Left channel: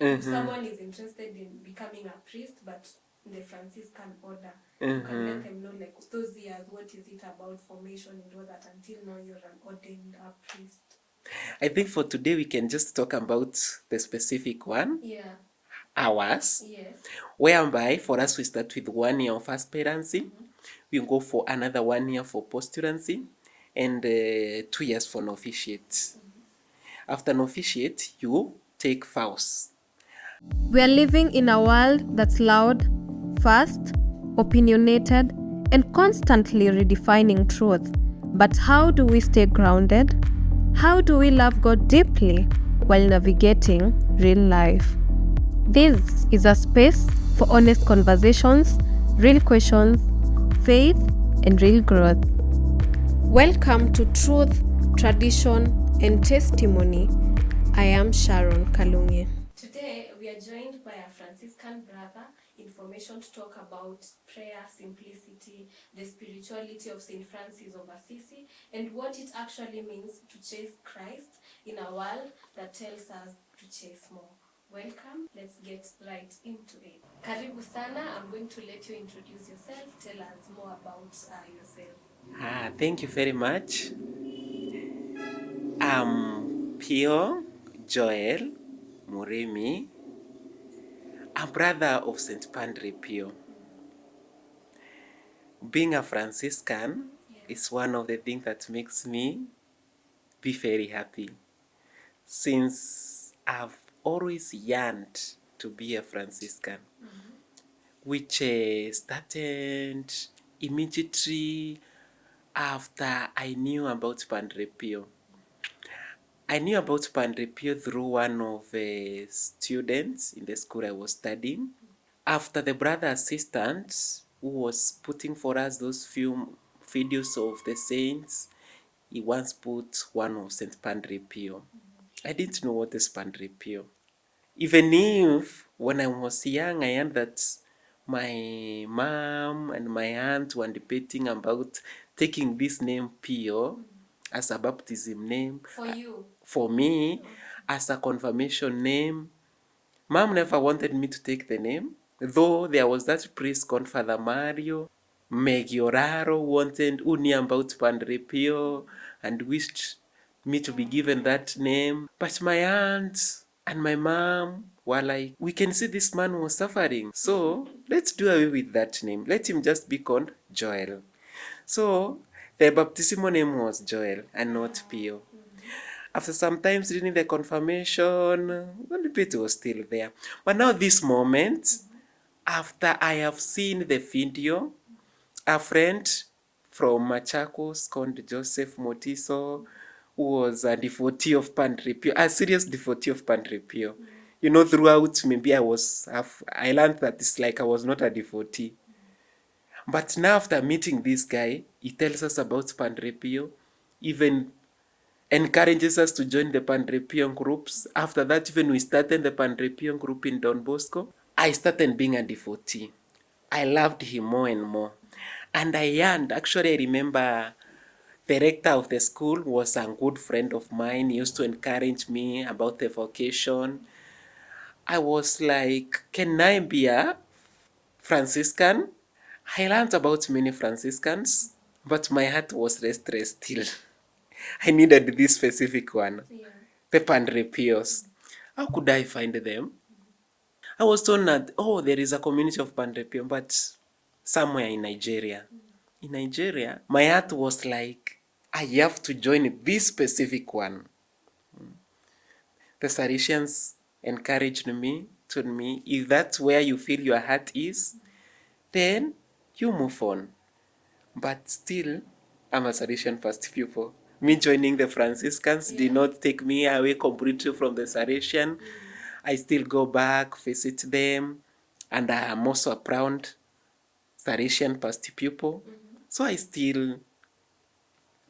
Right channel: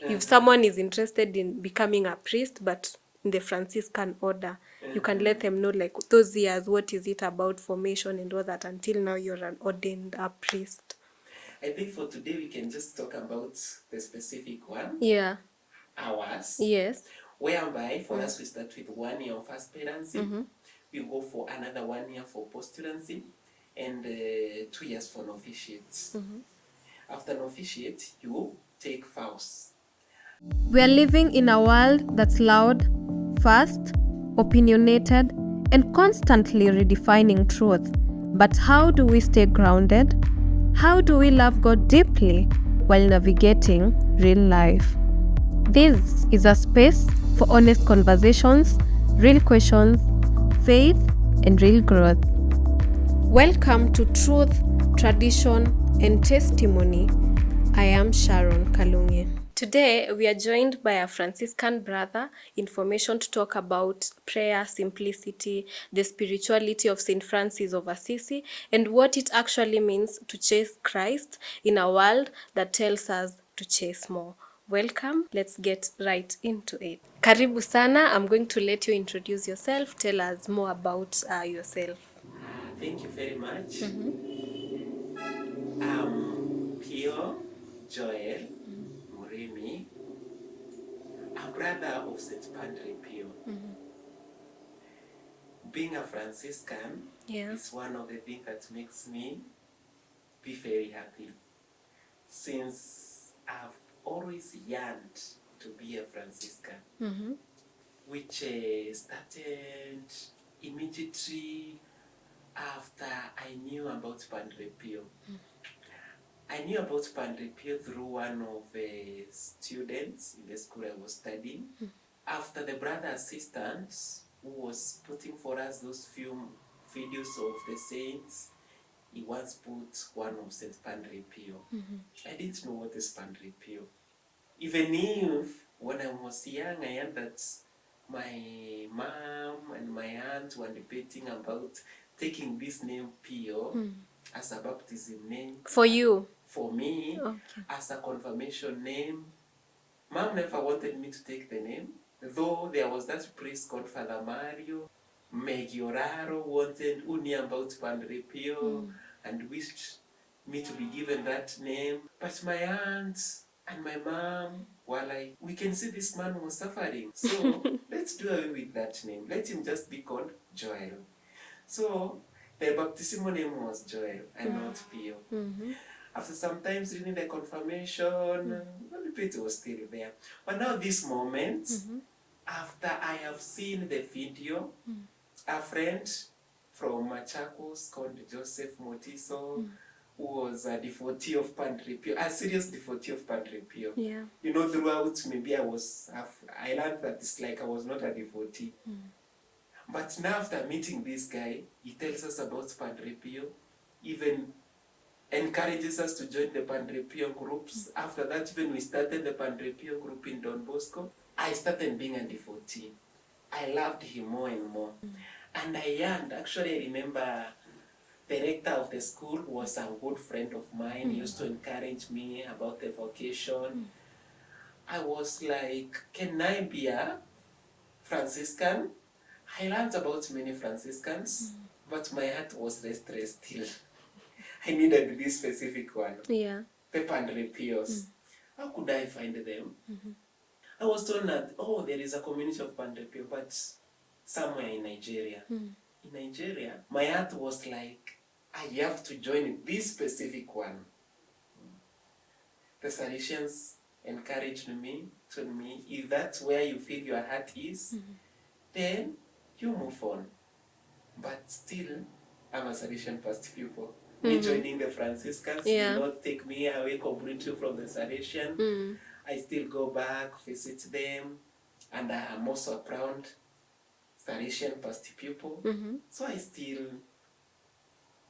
If someone is interested in becoming a priest, but in the Franciscan order, you can let them know, like, those years, what is it about formation and all that, until now you're an ordained priest. I think for today we can just talk about the specific one, Yeah. ours, Yes. whereby for us we start with 1 year of aspirancy, we go for another 1 year for postulancy, and 2 years for novitiate. After novitiate, you take vows. We are living in a world that's loud, fast, opinionated, and constantly redefining truth. But how do we stay grounded? How do we love God deeply while navigating real life? This is a space for honest conversations, real questions, faith, and real growth. Welcome to Truth, Tradition, and Testimony. I am Sharon Kalungi. Today, we are joined by a Franciscan brother in formation to talk about prayer, simplicity, the spirituality of Saint Francis of Assisi, and what it actually means to chase Christ in a world that tells us to chase more. Welcome. Let's get right into it. Karibu sana. I'm going to let you introduce yourself. Tell us more about yourself. Thank you very much. I'm Pio Joel Murimi, a brother of St. Padre Pio. Being a Franciscan is one of the things that makes me be very happy, since I've always yearned to be a Franciscan, which started immediately after I knew about Padre Pio. I knew about Padre Pio through one of the students in the school I was studying. After the brother assistant who was putting for us those few videos of the saints, he once put one of St. Padre Pio. I didn't know what is Padre Pio. Even if when I was young, I heard that my mom and my aunt were debating about taking this name Pio as a baptism name. For you? For me, as a confirmation name. Mom never wanted me to take the name, though there was that priest called Father Mario Megioraro who knew about Padre Pio and wished me to be given that name. But my aunt and my mom were like, we can see this man was suffering, so let's do away with that name. Let him just be called Joel. So the baptismal name was Joel and not Pio. After some times reading the confirmation, the bit was still there. But now this moment, after I have seen the video, a friend from Machakos called Joseph Motiso, who was a devotee of Padre Pio, a serious devotee of Padre Pio. Yeah. You know, throughout maybe I learned that it's like I was not a devotee. But now after meeting this guy, he tells us about Padre Pio, even encourages us to join the Padre Pio groups. After that, even we started the Padre Pio group in Don Bosco. I started being a devotee. I loved him more and more. And I yearned. Actually, I remember the rector of the school was a good friend of mine. He used to encourage me about the vocation. I was like, can I be a Franciscan? I learned about many Franciscans, but my heart was restless still. I needed this specific one. Yeah. The Padre Pios. How could I find them? I was told that, there is a community of Padre Pio, but somewhere in Nigeria. In Nigeria, my heart was like, I have to join this specific one. The Salesians encouraged me, told me, if that's where you feel your heart is, then you move on. But still, I'm a Salesian first pupil. Me joining the Franciscans did not take me away completely from the Salesian. I still go back, visit them, and I am also a proud Salesian past pupil. So I still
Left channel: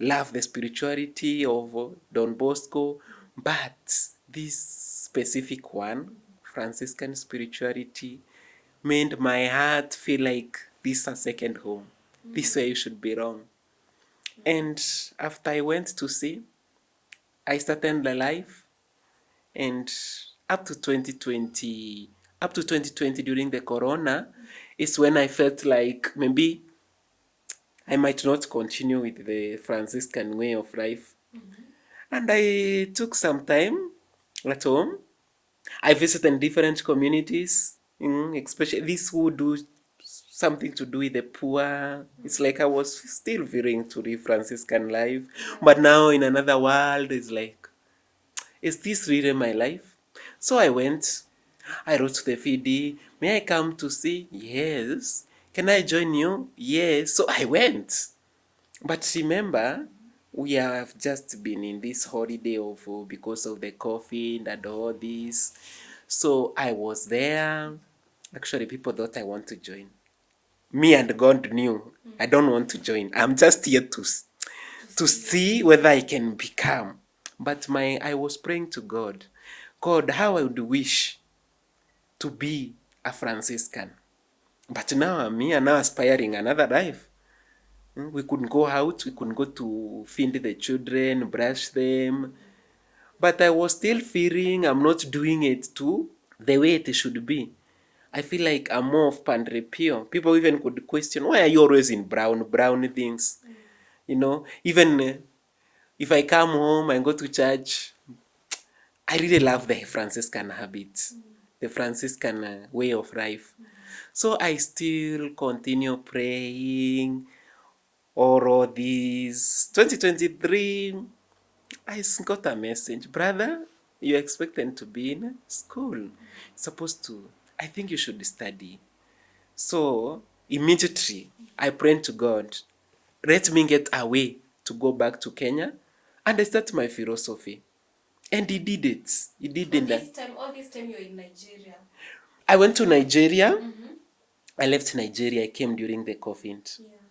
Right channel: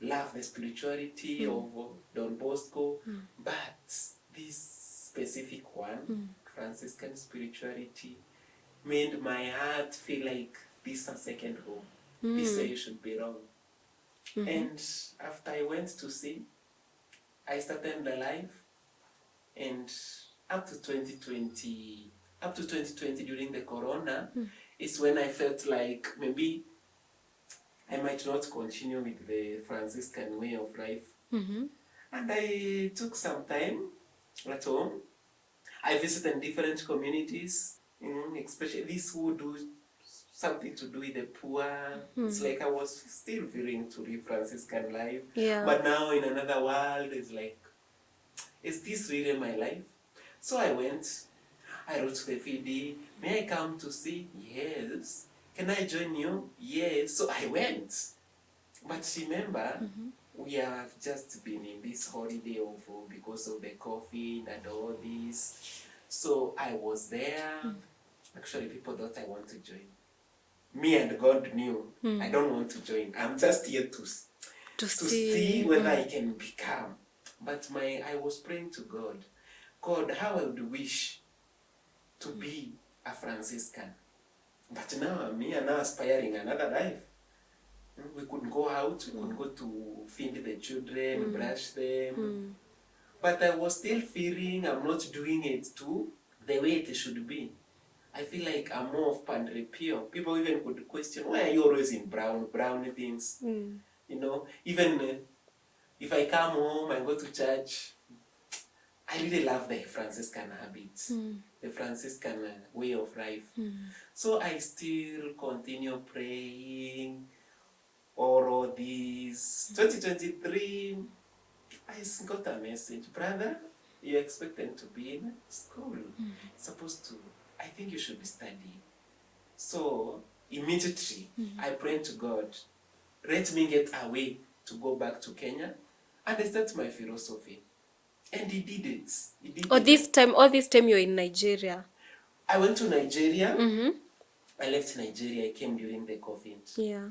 love the spirituality of Don Bosco, but this specific one, Franciscan spirituality, made my heart feel like this is a second home. This is where you should belong. And after I went to see, I started the life, and up to 2020, during the corona, is when I felt like maybe I might not continue with the Franciscan way of life. And I took some time at home. I visited different communities, especially these who do something to do with the poor. It's like I was still feeling to live Franciscan life. Yeah. But now in another world, it's like, is this really my life? So I went. I wrote to the FD, may I come to see? Yes. Can I join you? Yes. So I went. But remember, we have just been in this holiday of because of the COVID and all this. So I was there. Actually, people thought I want to join. Me and God knew I don't want to join. I'm just here to see whether I can become. But I was praying to God. God, how I would wish to be a Franciscan. But now I'm here, now aspiring another life. We couldn't go out, we couldn't go to feed the children, brush them. But I was still feeling I'm not doing it too the way it should be. I feel like I'm more of Padre Pio. People even could question, why are you always in brown things? Even if I come home and go to church, I really love the Franciscan habits, the Franciscan way of life. So I still continue praying all these. 2023, I got a message, brother, you're expected to be in school. Supposed to, I think you should study. So immediately, I prayed to God, let me get away to go back to Kenya and I start my philosophy. And he did it. He did it. All this time you're in Nigeria. I went to Nigeria. I left Nigeria. I came during the COVID. Yeah.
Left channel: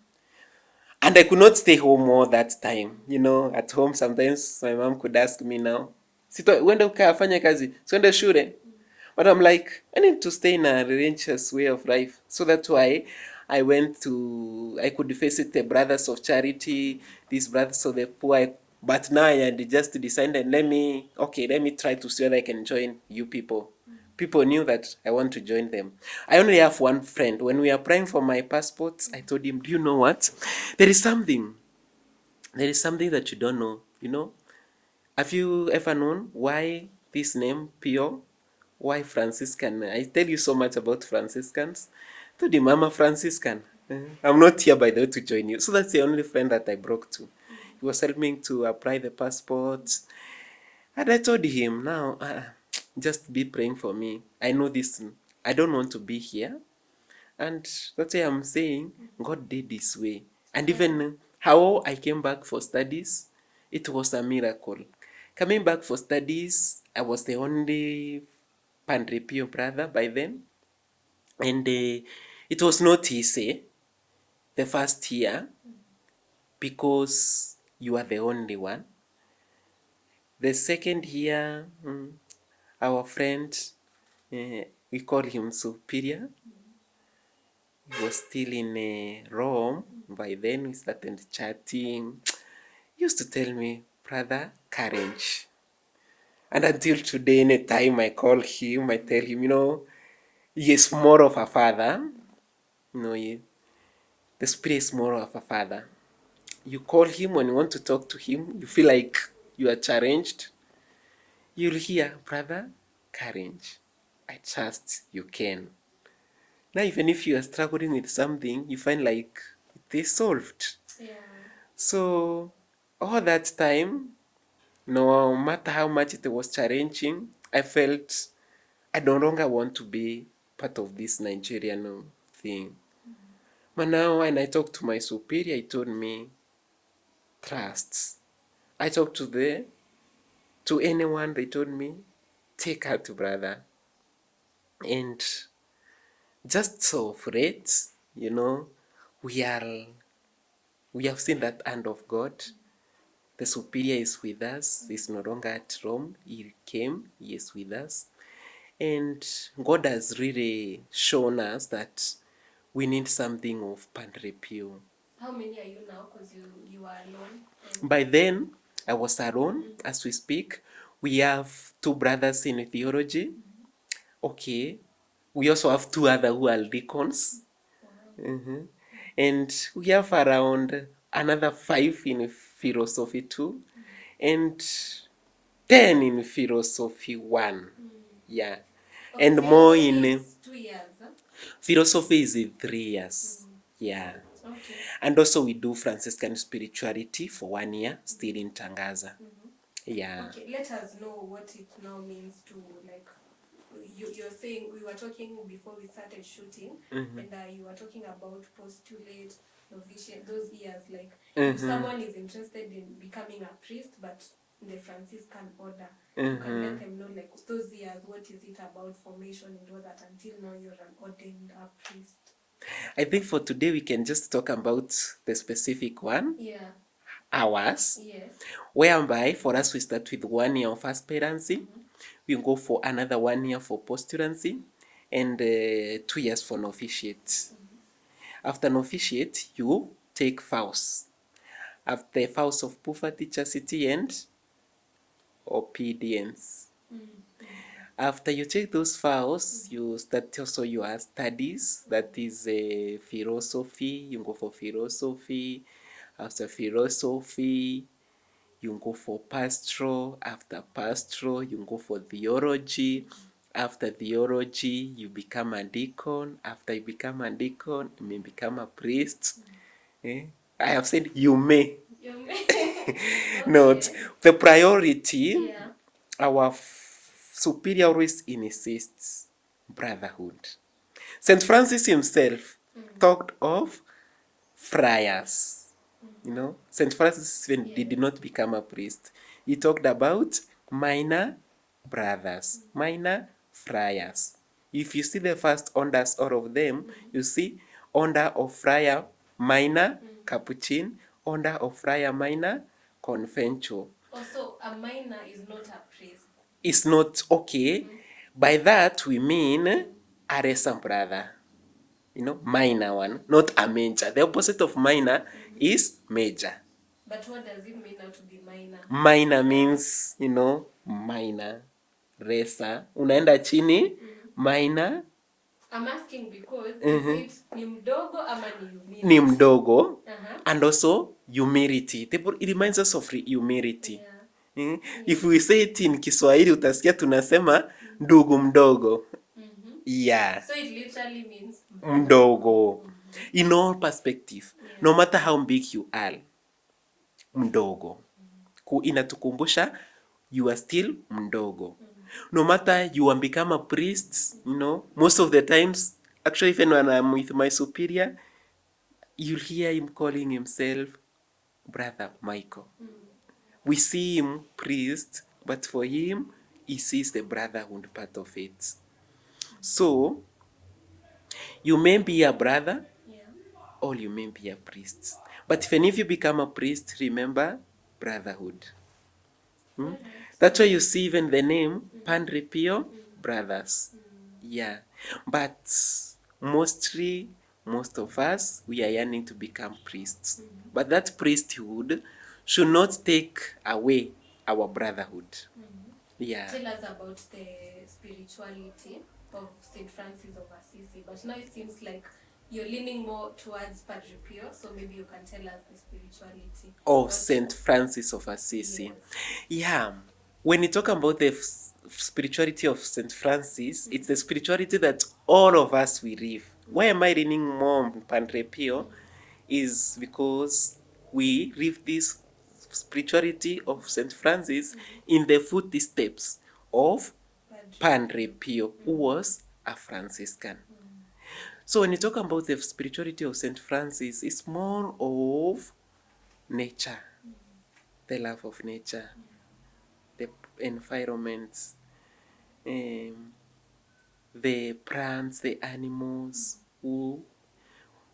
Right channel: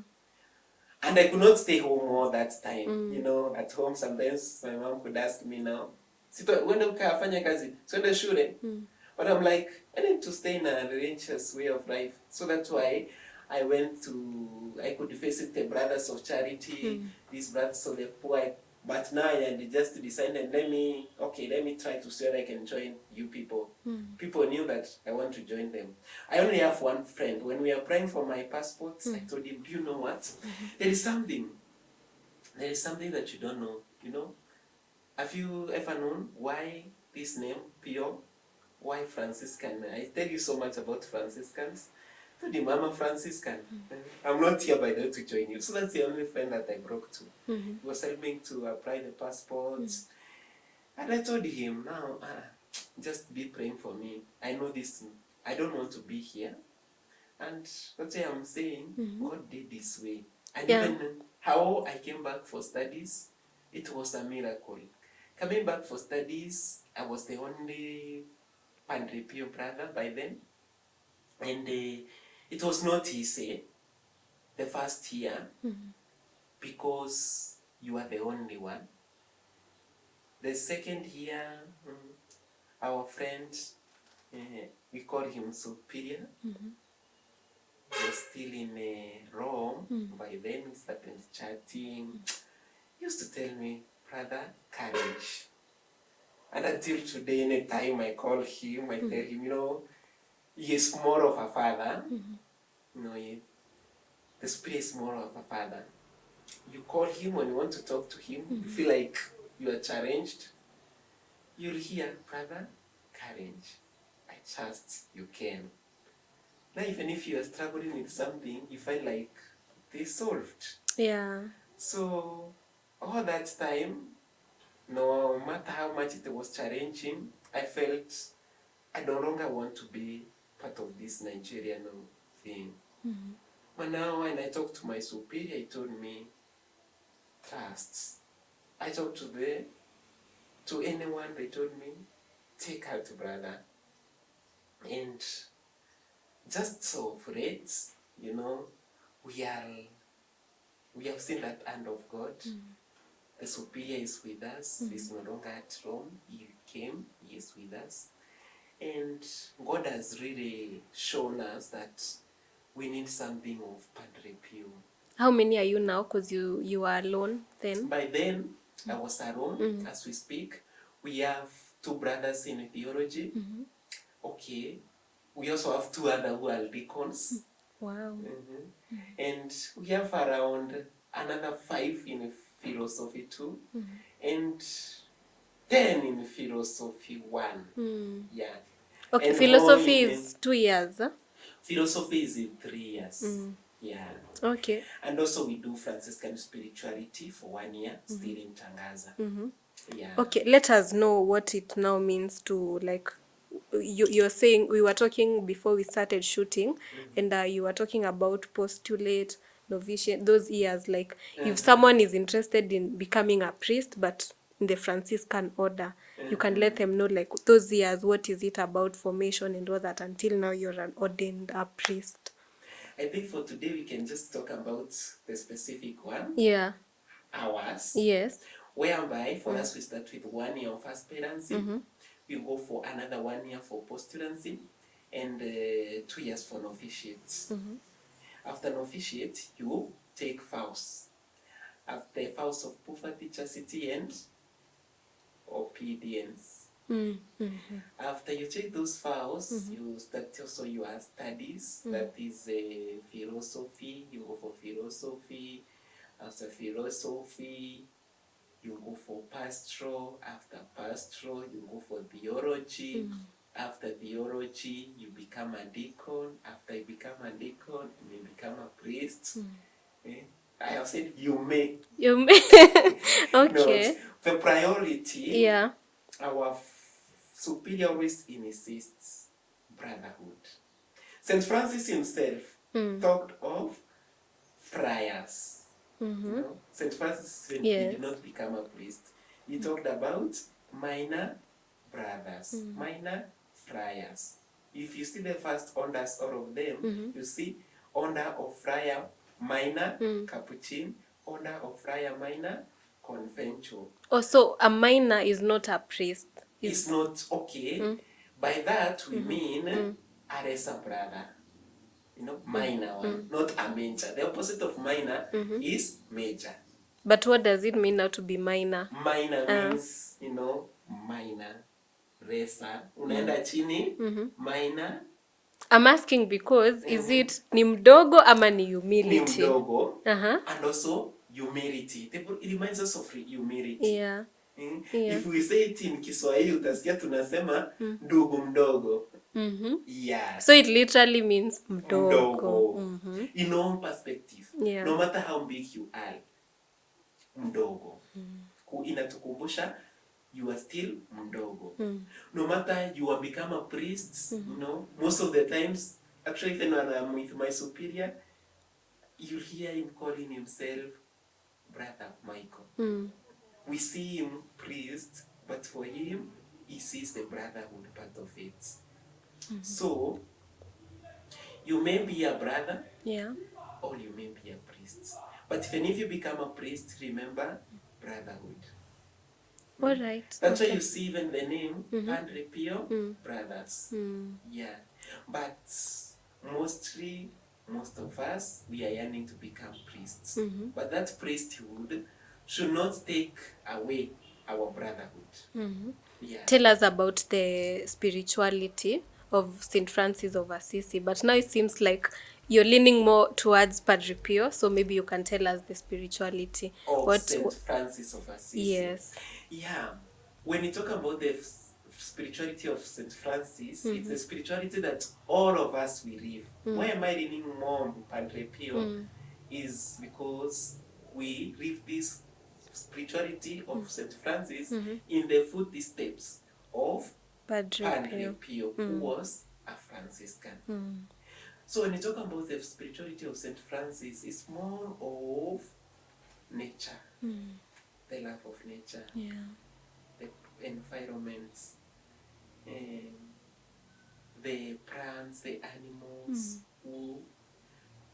And I could not stay home all that time. At home sometimes my mom could ask me now, wenda ukafanya kazi, siende shule. But I'm like, I need to stay in a religious way of life. So that's why I could visit the Brothers of Charity, these Brothers of the Poor. But now I had just decided, let me try to see whether I can join you people. People knew that I want to join them. I only have one friend. When we are applying for my passports, I told him, do you know what? There is something that you don't know. Have you ever known why this name, Pio? Why Franciscan? I tell you so much about Franciscans. I told him, I'm a Franciscan. I'm not here, by the way, to join you. So that's the only friend that I broke to. He was helping to apply the passports. And I told him, now, just be praying for me. I know this. I don't want to be here. And that's why I'm saying God did this way. And even how I came back for studies, it was a miracle. Coming back for studies, I was the only Padre Pio brother by then. And it was not easy the first year because you are the only one. The second year, our friend, we call him Superior, he was still in Rome. By then we started chatting. He used to tell me, brother, courage. And until today, anytime I call him, I tell him, he is more of a father. The Spirit is more of a father. You call him when you want to talk to him, you feel like you are challenged. You'll hear, brother, courage. I trust you can. Now, even if you are struggling with something, you find like it is solved. Yeah. So, all that time, no matter how much it was challenging, I felt I no longer want to be part of this Nigerian thing. But now when I talked to my superior, he told me, trust. I talked to anyone, they told me, take her to brother. And just so for it, we have seen that hand of God. The superior is with us. He's no longer at Rome. He came. He is with us. And God has really shown us that we need something of Padre Pio. How many are you now? Because you are alone then. By then, I was alone as we speak. We have 2 brothers in theology. Okay. We also have 2 other who are deacons. Wow. And we have around another 5 in philosophy too. And 10 in philosophy 1. Yeah. Okay, And more philosophy in is 2 years. Huh? philosophy is in 3 years. Yeah. Okay. And also we do Franciscan spirituality for 1 year, still in Tangaza. Yeah. Okay, let us know what it now means to, like, you're saying, we were talking before we started shooting, and you were talking about postulate, novitiate, those years, like if someone is interested in becoming a priest but in the Franciscan order, you can let them know, like, those years, what is it about formation and all that until now you're an ordained priest. I think for today we can just talk about the specific one, Yeah. ours, Yes. whereby for us we start with 1 year of aspirancy, we go for another 1 year for postulancy, and 2 years for novitiate. After novitiate, you take vows. After vows of poverty, chastity, and obedience. After you take those vows, you start also your studies. That is philosophy. You go for philosophy. After philosophy, you go for pastoral. After pastoral, you go for theology. After theology, you become a deacon. After you become a deacon, you may become a priest. I have said you may. You may. Not Okay. the priority. Yeah. Our superior always insists brotherhood. Saint Francis himself talked of friars. You know, Saint Francis, when he did not become a priest, he talked about minor brothers, minor friars. If you see the first orders, all of them, you see order of friar minor, capuchin, order of friar minor, conventual. Also, a minor is not a priest. It's not okay. By that we mean a lesser brother. You know, minor one, not a major. The opposite of minor is major. But what does it mean now to be minor? Minor means, you know, minor, lesser. Unaenda chini, minor. I'm asking because is it ni mdogo ama ni humility? Ni mdogo. And also humility. It reminds us of humility. Yeah. If we say it in Kiswahili utasikia tunasema ndugu mdogo. Yeah. So it literally means mdogo. In all perspective. Yeah. No matter how big you are. Mdogo. Inatukumbusha you are still mdogo. No matter you have become a priest, you know, most of the times, actually even when I'm with my superior, you'll hear him calling himself Brother Michael. We see him priest, but for him, he sees the brotherhood part of it. So, you may be a brother, Yeah. or you may be a priest. But even if you become a priest, remember brotherhood. All right. That's why you see even the name Padre Pio brothers. Yeah. But mostly, most of us, we are yearning to become priests. But that priesthood should not take away our brotherhood. Yeah. Tell us about the spirituality of Saint Francis of Assisi. But now it seems like you're leaning more towards Padre Pio, so maybe you can tell us the spirituality. Of Saint Francis of Assisi. Yes. Yeah. When you talk about the spirituality of Saint Francis, it's the spirituality that all of us we live. Why am I leaning more on Padre Pio? Is because we live this spirituality of Saint Francis in the footsteps of Padre Pio, who was a Franciscan. So when you talk about the spirituality of Saint Francis, it's more of nature, the love of nature, the environments, the plants, the animals, who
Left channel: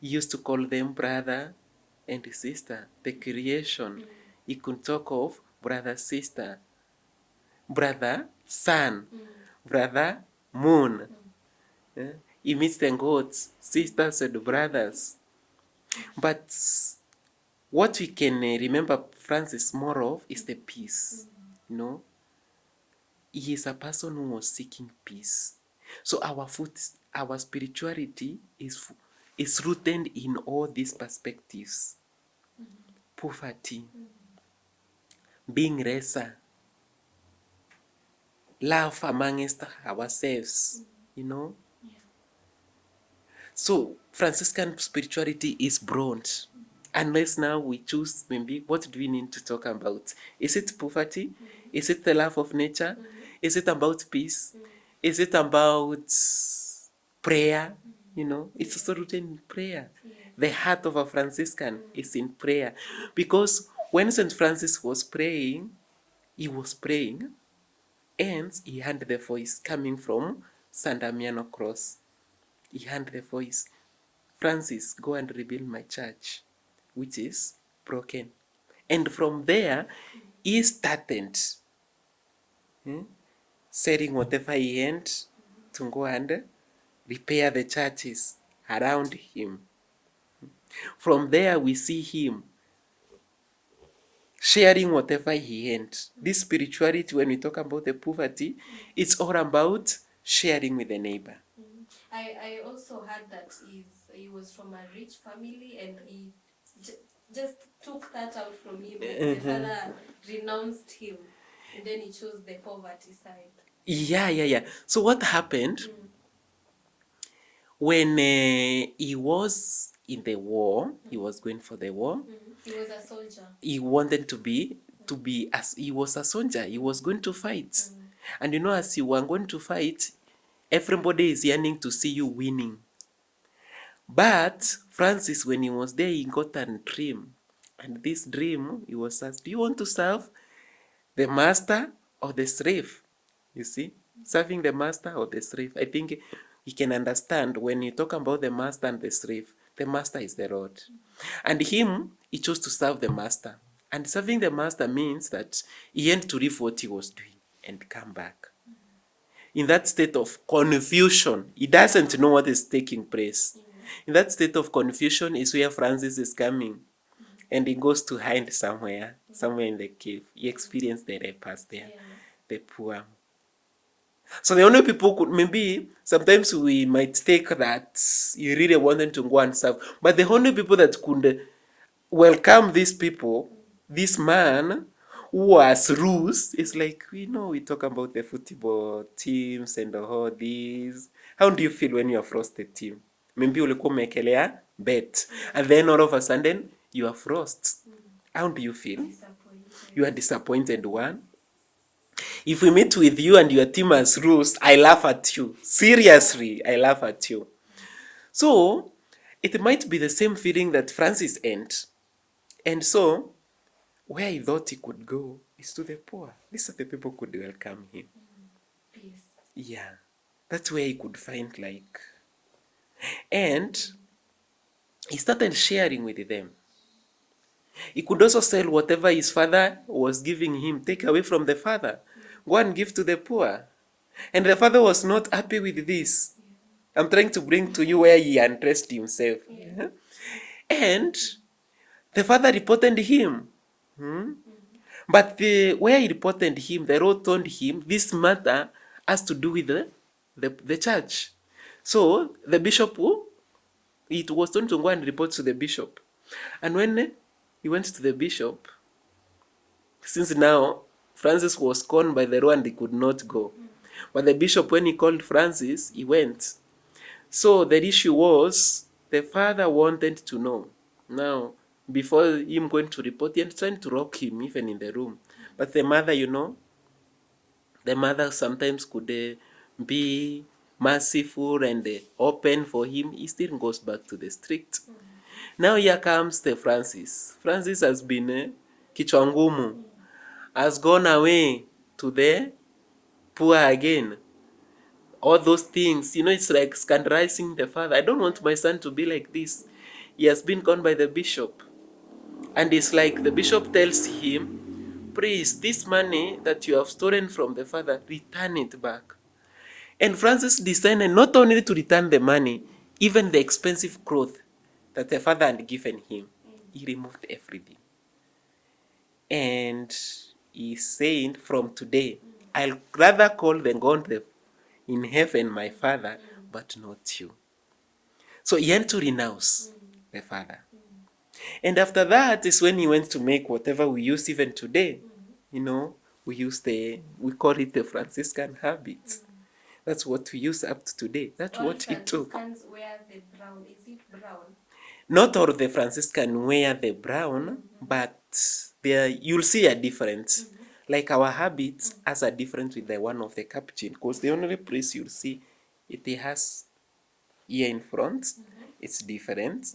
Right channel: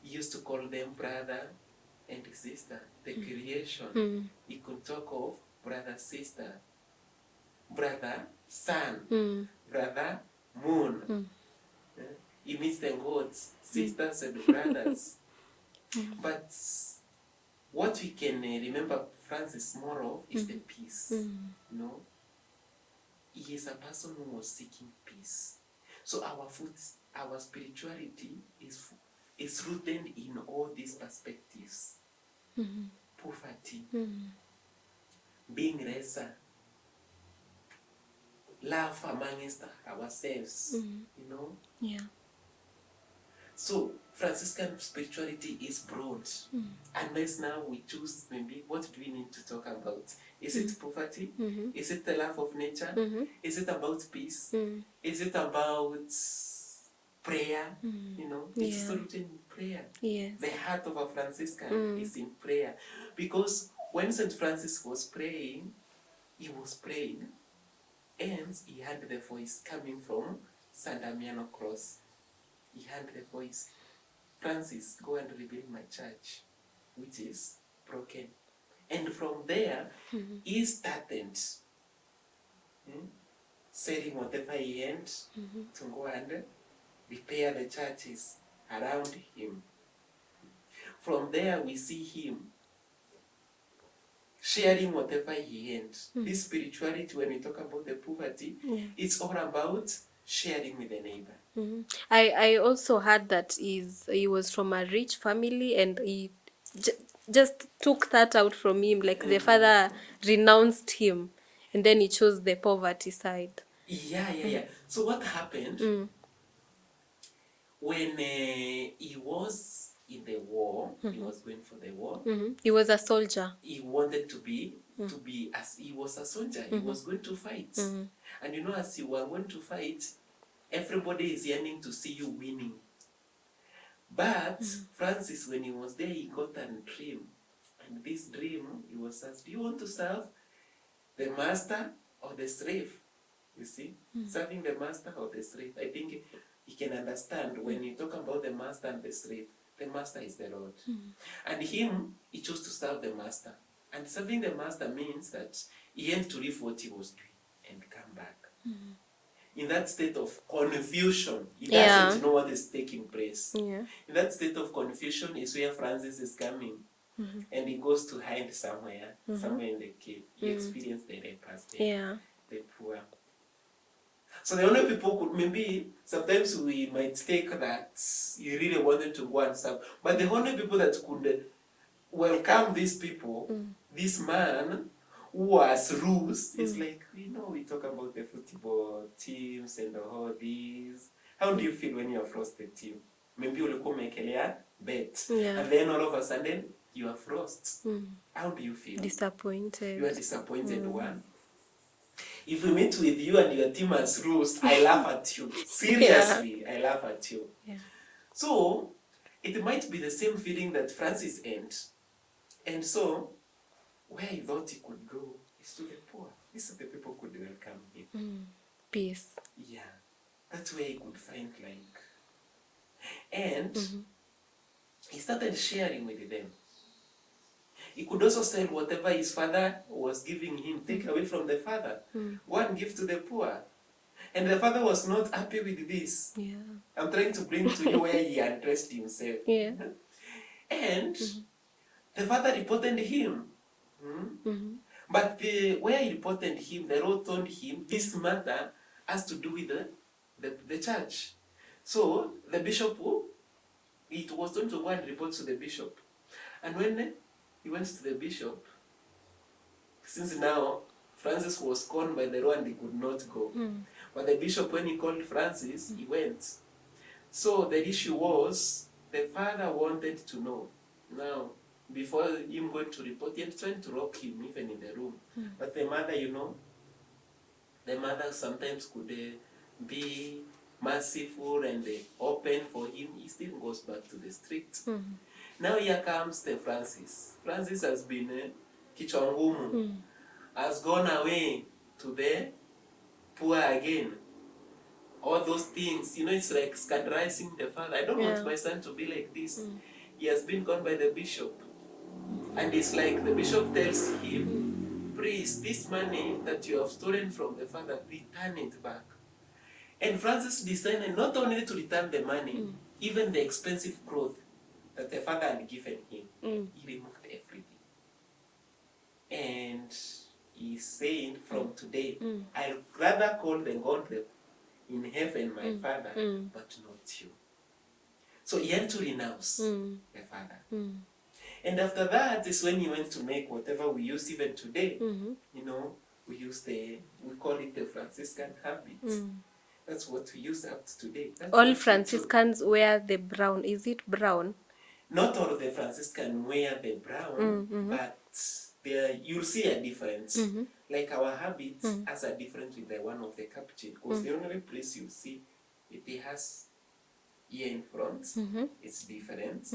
used to call them brother and sister, the creation. You could talk of brother, sister, brother, sun, brother, moon. He meets the gods, sisters and brothers. But what we can remember Francis more of is the peace. You know, he is a person who was seeking peace. So our spirituality is rooted in all these perspectives. Poverty, being lesser, love amongst ourselves, you know. Yeah. So Franciscan spirituality is broad. Unless now we choose, maybe, what do we need to talk about? Is it poverty? Is it the love of nature? Is it about peace? Is it about prayer? You know, it's also rooted in prayer. Yes. The heart of a Franciscan is in prayer. Because when Saint Francis was praying, he was praying, and he heard the voice coming from San Damiano Cross. He heard the voice, Francis, go and rebuild my church, which is broken. And from there, he started selling whatever he had to go and repair the churches around him. From there, we see him sharing whatever he had. This spirituality, when we talk about the poverty, it's all about sharing with the neighbor. I also heard that he was from a rich family, and he just took that out from him. Like the father renounced him, and then he chose the poverty side. Yeah. So what happened when he was in the war? He was going for the war. He was a soldier. He wanted to be as he was a soldier. He was going to fight, and you know, as you were going to fight, everybody is yearning to see you winning. But Francis, when he was there, he got a dream, and this dream, he was asked, do you want to serve the master or the slave? You see, serving the master or the slave. I think you can understand when you talk about the master and the slave, the master is the Lord. And he chose to serve the master. And serving the master means that he had to leave what he was doing and come back. In that state of confusion, he doesn't know what is taking place. In that state of confusion is where Francis is coming. And he goes to hide somewhere in the cave. He experienced the lepers there, the poor. So the only people could, maybe sometimes we might take that you really wanted to go and serve, but the only people that could welcome these people, this man who was loose, is like, we talk about the football teams and all these. How do you feel when you are frosted team? Maybe ulikuwa umekelea bet, and then all of a sudden you are frost. How do you feel? Disappointed. You are disappointed. One. If we meet with you and your team has lost, I laugh at you. Seriously, I laugh at you. So it might be the same feeling that Francis had. And so where he thought he could go is to the poor. These are the people who could welcome him. Peace. Yeah. That's where he could find and he started sharing with them. He could also sell whatever his father was giving him, take away from the father, go and give to the poor. And the father was not happy with this. I'm trying to bring to you where he undressed himself. And the father reported him. But where he reported him, the Lord told him this matter has to do with the church. So the bishop, it was told to go and report to the bishop. And when he went to the bishop, since now Francis was conned by the law and he could not go. But the bishop, when he called Francis, he went. So the issue was, the father wanted to know. Now, before him going to report, he was trying to rock him even in the room. But the mother, the mother sometimes could be merciful and open for him. He still goes back to the street. Now here comes the Francis. Francis has been kichwa ngumu, has gone away to the poor again. All those things, it's like scandalizing the father. I don't want my son to be like this. He has been conned by the bishop. And it's like the bishop tells him, priest, this money that you have stolen from the father, return it back. And Francis decided not only to return the money, even the expensive clothes that the father had given him, he removed everything. And is saying from today, I'll rather call the God in heaven my Father, but not you. So he had to renounce the Father. And after that is when he went to make whatever we use even today. You know, we call it the Franciscan habits. That's what we use up to today. That's All what Franciscans wear the brown. Is it brown? Not all the Franciscan wear the brown, but you'll see a difference. Like our habits has a difference with the one of the Capuchin, because the only place you'll see it has here in front, it's different.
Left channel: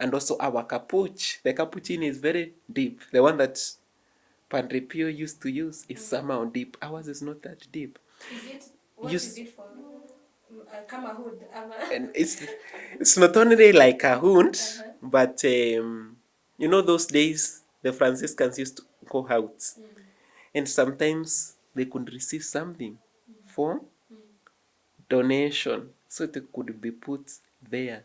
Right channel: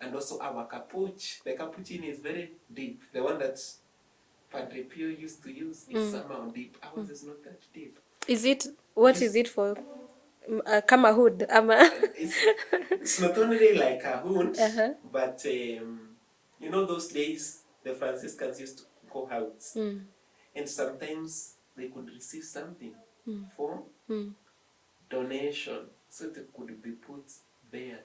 And also our capuch, the Capuchin is very deep. The one that Padre Pio used to use is somehow deep. Ours is not that deep. Is it, what is it for? Kama hood? And it's not only like a hood, but you know those days the Franciscans used to go out, and sometimes they could receive something for donation, so they could be put there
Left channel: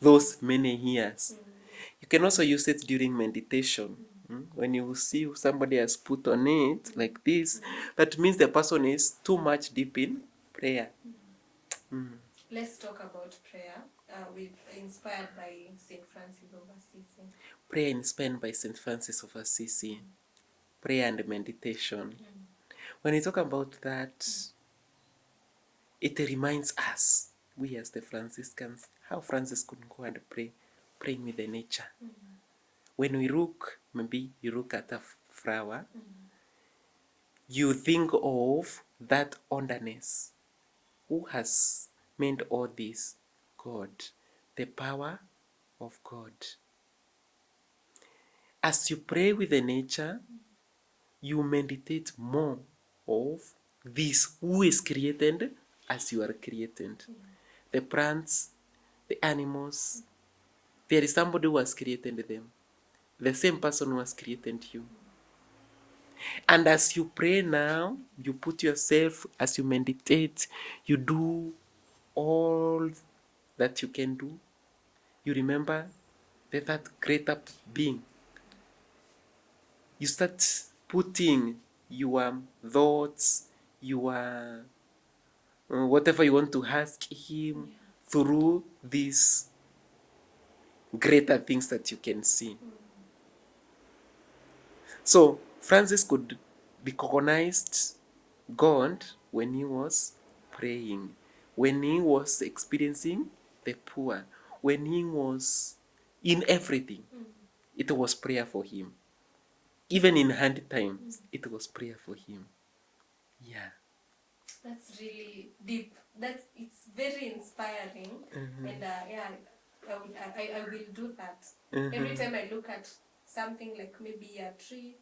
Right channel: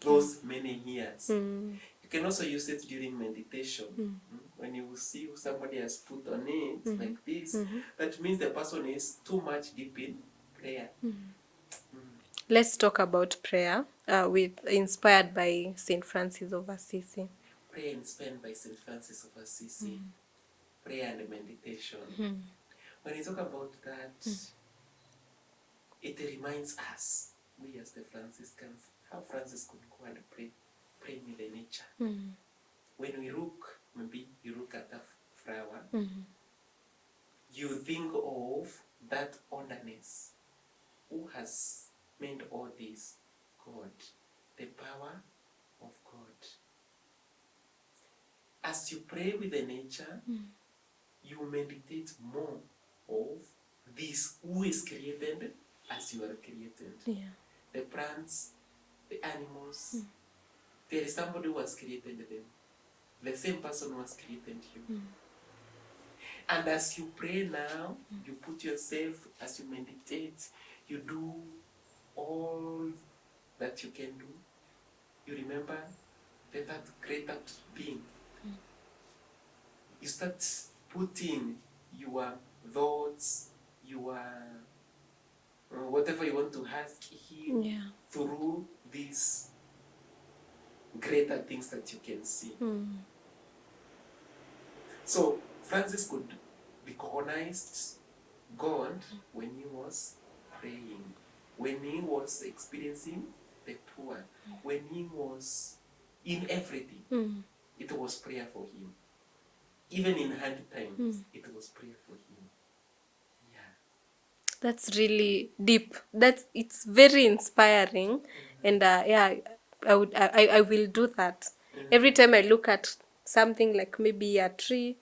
those many years. You can also use it during meditation. When you see somebody has put on it like this, that means the person is too much deep in prayer. Let's talk about prayer, inspired by Saint Francis of Assisi. Prayer inspired by Saint Francis of Assisi. Prayer and meditation. When you talk about that, it reminds us, we as the Franciscans, how Francis could go and pray, praying with the nature. When we look, maybe you look at a flower, you think of that underness. Who has made all this? God. The power of God. As you pray with the nature, you meditate more of this, who is created as you are created. The plants, the animals, there is somebody who has created them. The same person who has created you. And as you pray now, you put yourself, as you meditate, you do all that you can do. You remember that greater being. You start putting your thoughts, your whatever you want to ask him through these greater things that you can see. So Francis could recognize God when he was praying, when he was experiencing the poor, when he was in everything. It was prayer for him. Even in hard times, it was prayer for him. Yeah. That's really deep. It's very inspiring, and I will do that. Every time I look at something like maybe a tree,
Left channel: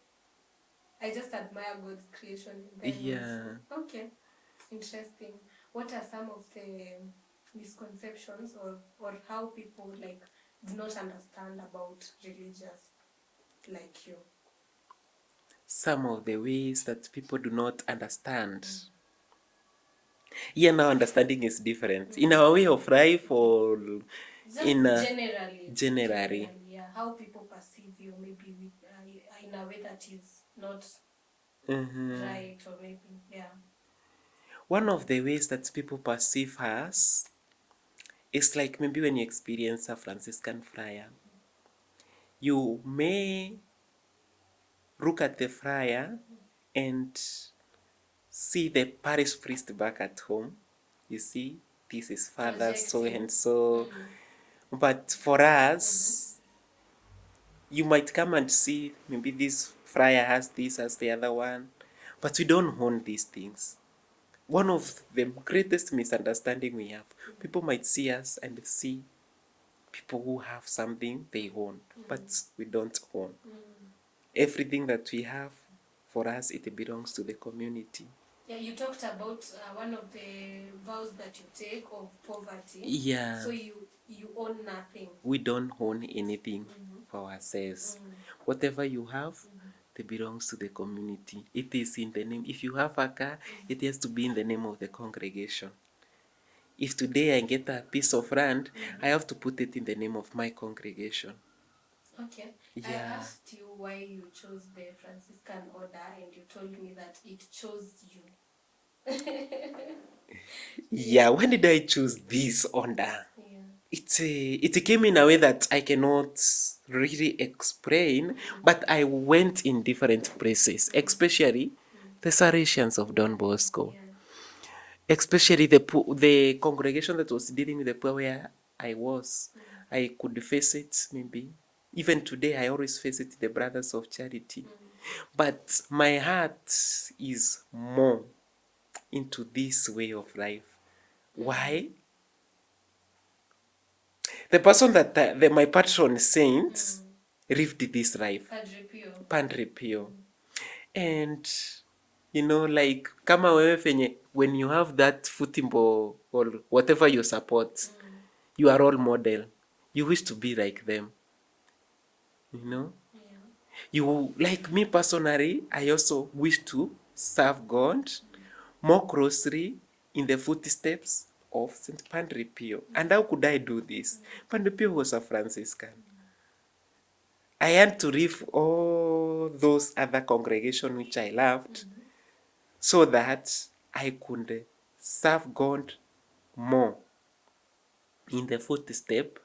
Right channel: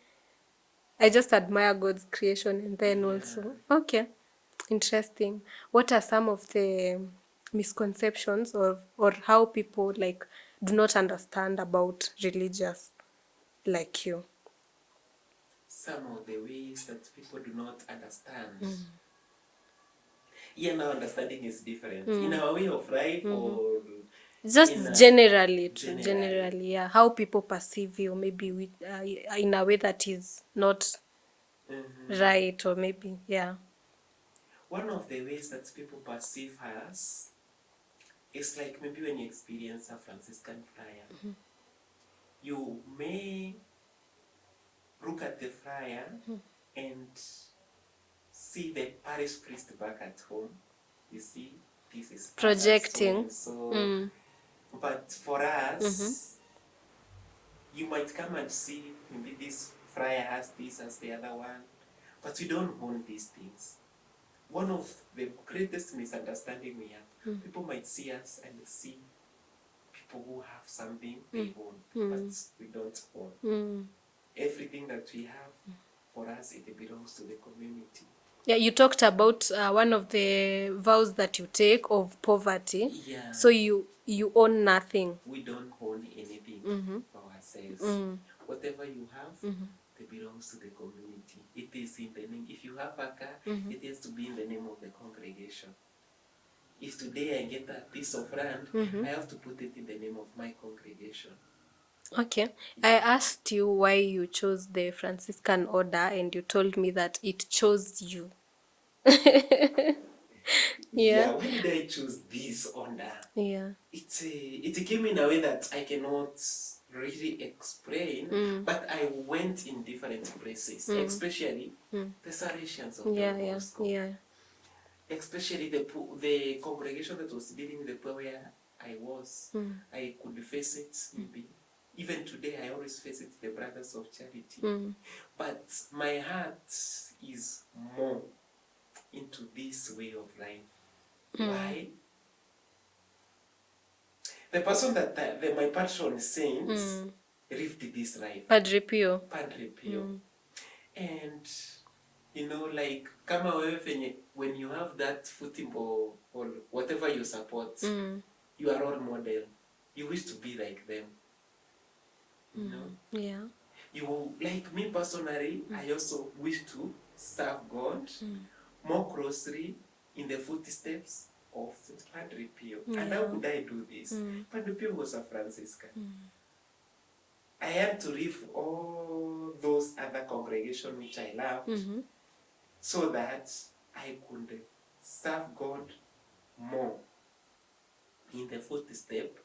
I just admire God's creation, and then also, okay, interesting. What are some of the misconceptions or how people like do not understand about religious like you? Some of the ways that people do not understand. Yeah, now understanding is different. In our way of life or Just generally, generally, yeah. How people perceive you, maybe with in a way that is not right, or maybe, yeah. One of the ways that people perceive us is like maybe when you experience a Franciscan friar, you may look at the friar and see the parish priest back at home. You see, this is Father so and so. But for us, you might come and see maybe this friar has this as the other one, but we don't own these things. One of the greatest misunderstanding we have, people might see us and see people who have something they own, but we don't own. Everything that we have, for us, it belongs to the community. Yeah, you talked about one of the vows that you take of poverty. Yeah. So you own nothing. We don't own anything for ourselves. Whatever you have, it belongs to the community. It is in the name. If you have a car, it has to be in the name of the congregation. If today I get a piece of land, I have to put it in the name of my congregation. Okay. I asked you why you chose the Franciscan order, and you told me that it chose you. Yeah, when did I choose this order? Yeah. It came in a way that I cannot really explain, but I went in different places, especially the Salesians of Don Bosco, Yeah. especially the congregation that was dealing with the poor where I was. I could face it, maybe. Even today, I always face it, the Brothers of Charity. But my heart is more into this way of life. Why? The person that my patron saint lived this life. Padre Pio. Padre Pio. And like kama wewe fenye, when you have that footimbo or whatever you support, you are role model. You wish to be like them. Yeah. You, like me personally, I also wish to serve God more closely in the footsteps of Saint Padre Pio. And how could I do this? Padre Pio was a Franciscan. I had to leave all those other congregations which I loved so that I could serve God more in the footstep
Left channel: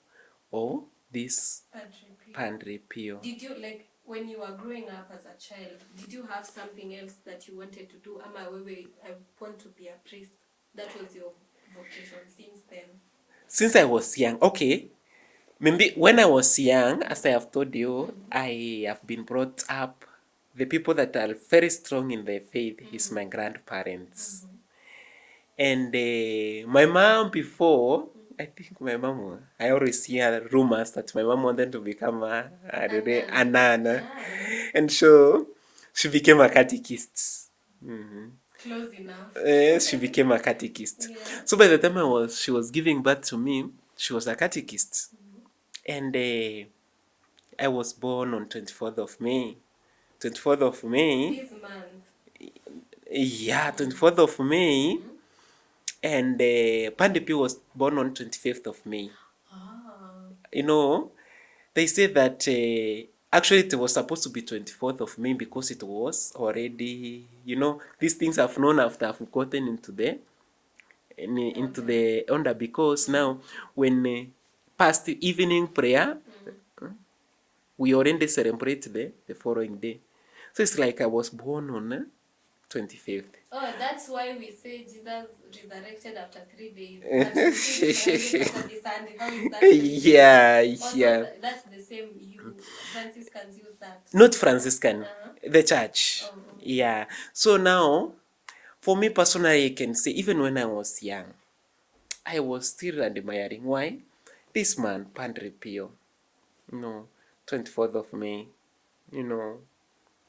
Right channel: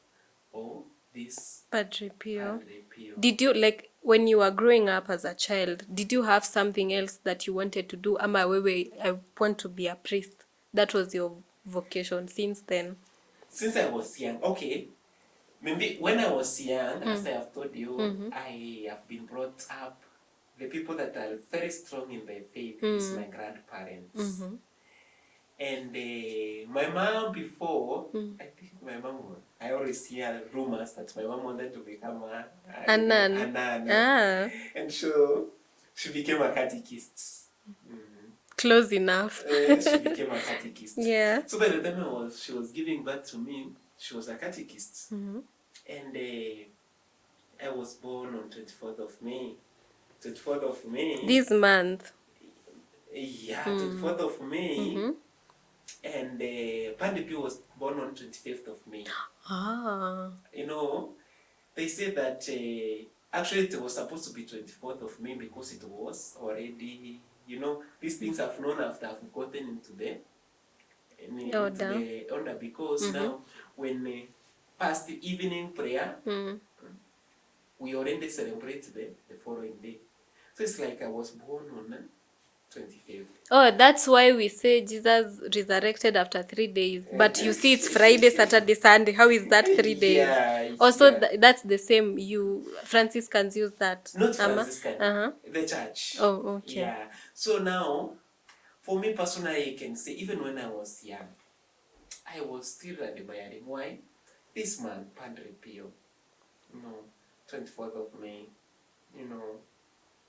of this Padre Pio. Padre Pio. Did you, like, when you were growing up as a child, did you have something else that you wanted to do? Ama wewe, I want to be a priest. That was your vocation since then. Since I was young, okay. Maybe when I was young, as I have told you, I have been brought up. The people that are very strong in their faith is my grandparents. And my mom before, I think my mom, I always hear rumors that my mom wanted to become a nun. nun. Ah. And so she became a catechist. Close enough. She became a catechist. Yeah. So by the time she was giving birth to me, she was a catechist. And I was born on 24th of May. 24th of May. This month. Yeah, 24th of May. And Padre Pio was born on 25th of May. Ah. They say that actually it was supposed to be 24th of May because it was already, these things I've known after I've gotten into the order, because now when past evening prayer, we already celebrate the following day. So it's like I was born on 25th. Oh, that's why we say Jesus resurrected after 3 days. But you see, it's Friday, Saturday, Sunday. How is that 3 days? Yeah. Also, that's the same. You Franciscans use that. Not Franciscan, the church. Oh, okay. Yeah. So now, for me personally, I can say, even when I was young, I was still admiring. Why? This man, Padre Pio, 24th of May,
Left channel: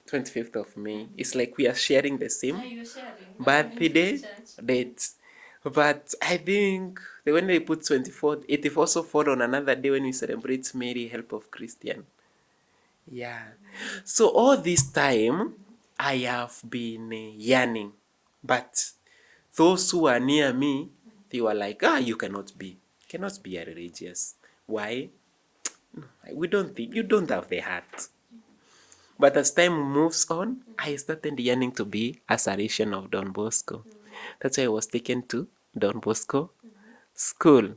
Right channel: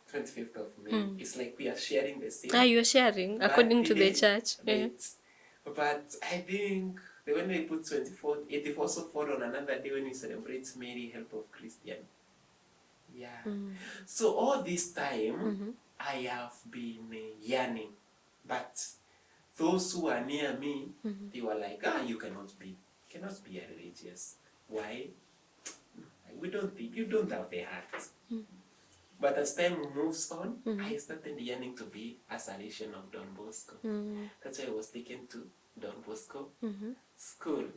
25th of May. It's like we are sharing the same. You're sharing according to the church. Dates. But I think when they put 24th, it also fall on another day when we celebrate Mary, Help of Christian. Yeah. So all this time, I have been yearning. But those who are near me, they were like, you cannot be a religious. Why? We don't think, you don't have the heart. But as time moves on, I started yearning to be a Salesian of Don Bosco. That's why I was taken to Don Bosco school.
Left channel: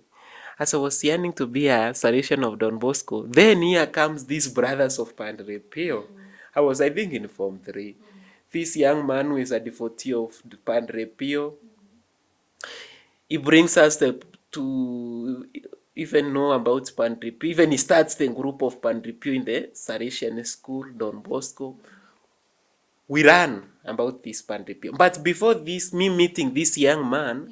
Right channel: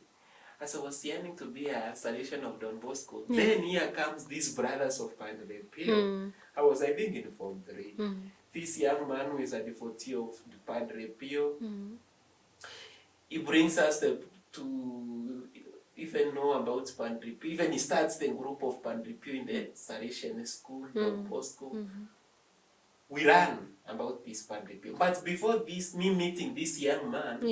As I was yearning to be a Salesian of Don Bosco, then here comes these brothers of Padre Pio. I think, in Form 3. This young man who is a devotee of Padre Pio, he brings us to even know about Padre Pio. Even he starts the group of Padre Pio in the Salesian school, Don Bosco. We learn about this Padre Pio. But before this, me meeting this young man,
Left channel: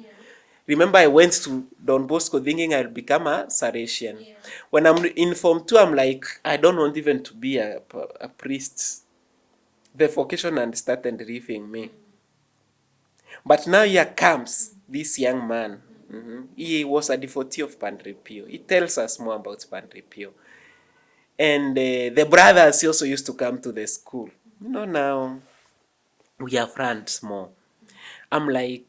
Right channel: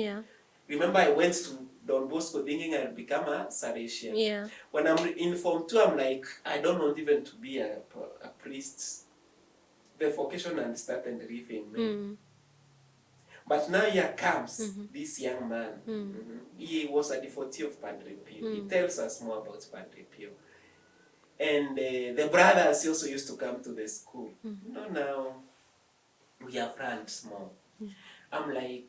remember I went to Don Bosco thinking I'll become a Salesian. Yeah. When I'm in Form 2, I'm like, I don't want even to be a priest. The vocation and started leaving me. But now here comes this young man. He was a devotee of Padre Pio. He tells us more about Padre Pio. And the brothers also used to come to the school. Now we are friends more. I'm like,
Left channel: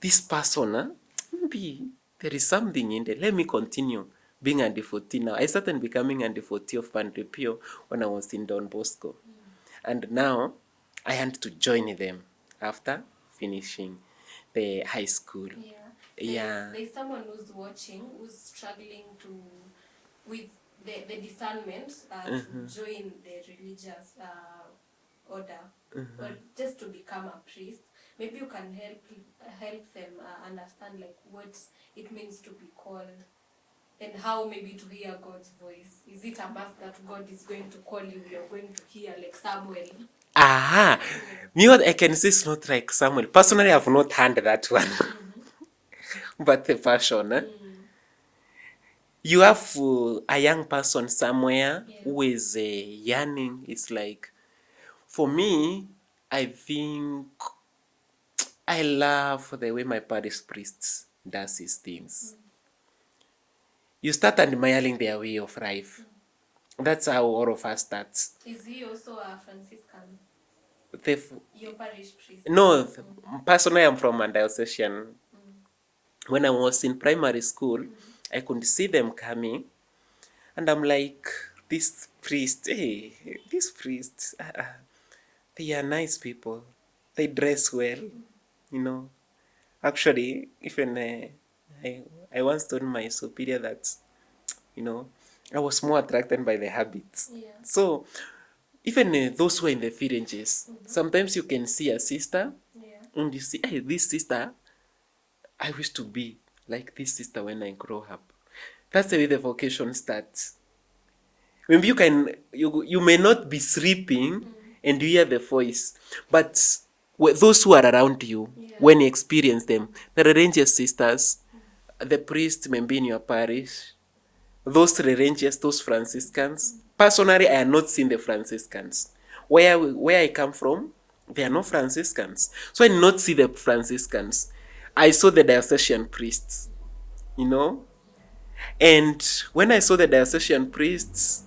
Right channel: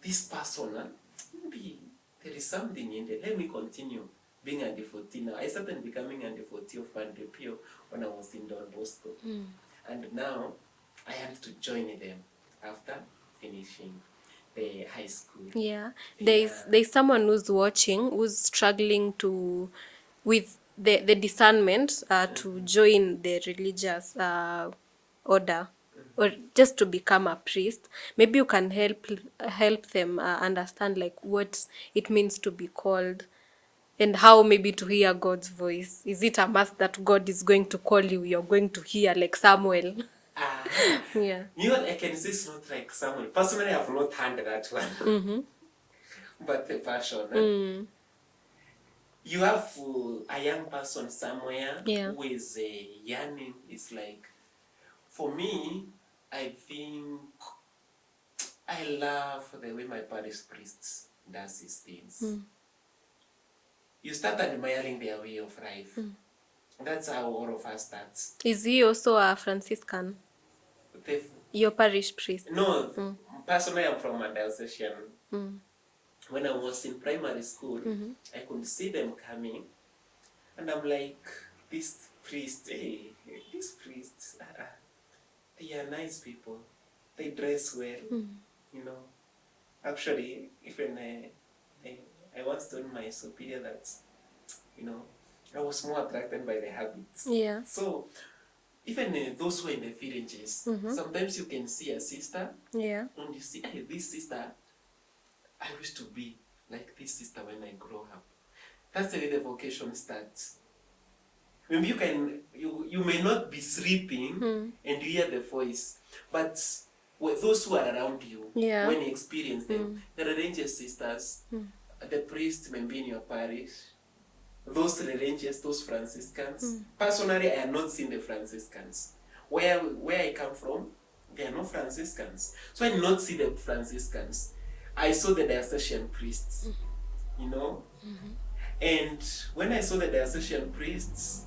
this person, maybe there is something in there. Let me continue being a devotee now. I started becoming a devotee of Padre Pio when I was in Don Bosco. And now I had to join them after finishing the high school. Yeah. Yeah. There's someone who's watching who's struggling with the discernment to join the religious order or just to become a priest. Maybe you can help them understand like what it means to be called and how maybe to hear God's voice. Is it a must that God is going to call you? You're going to hear like Samuel. Aha. Yeah. Me, what I can say is not like Samuel. Personally, I have not heard that one. But the passion. You have a young person somewhere who is yearning. It's like, for me, I think I love the way my parish priest does his things. You start admiring their way of life. That's how all of us starts. Is he also a Franciscan? Your parish priest? No, personally, I'm from a diocesan. When I was in primary school, I could see them coming, and I'm like, these priests, they are nice people. They dress well, you know. Actually, even I once told my superior that, I was more attracted by the habits. Yeah. So, even those who are in the villages, sometimes you can see a sister, and you see, hey, this sister, I wish to be like this sister when I grow up. That's the way the vocation starts. Maybe you may not be sleeping and you hear the voice, but those who are around you, when you experience them, the religious sisters, the priest maybe in your parish, those religious, those Franciscans. Personally, I have not seen the Franciscans. Where I come from, there are no Franciscans. So I did not see the Franciscans. I saw the diocesan priests, And when I saw the diocesan priests,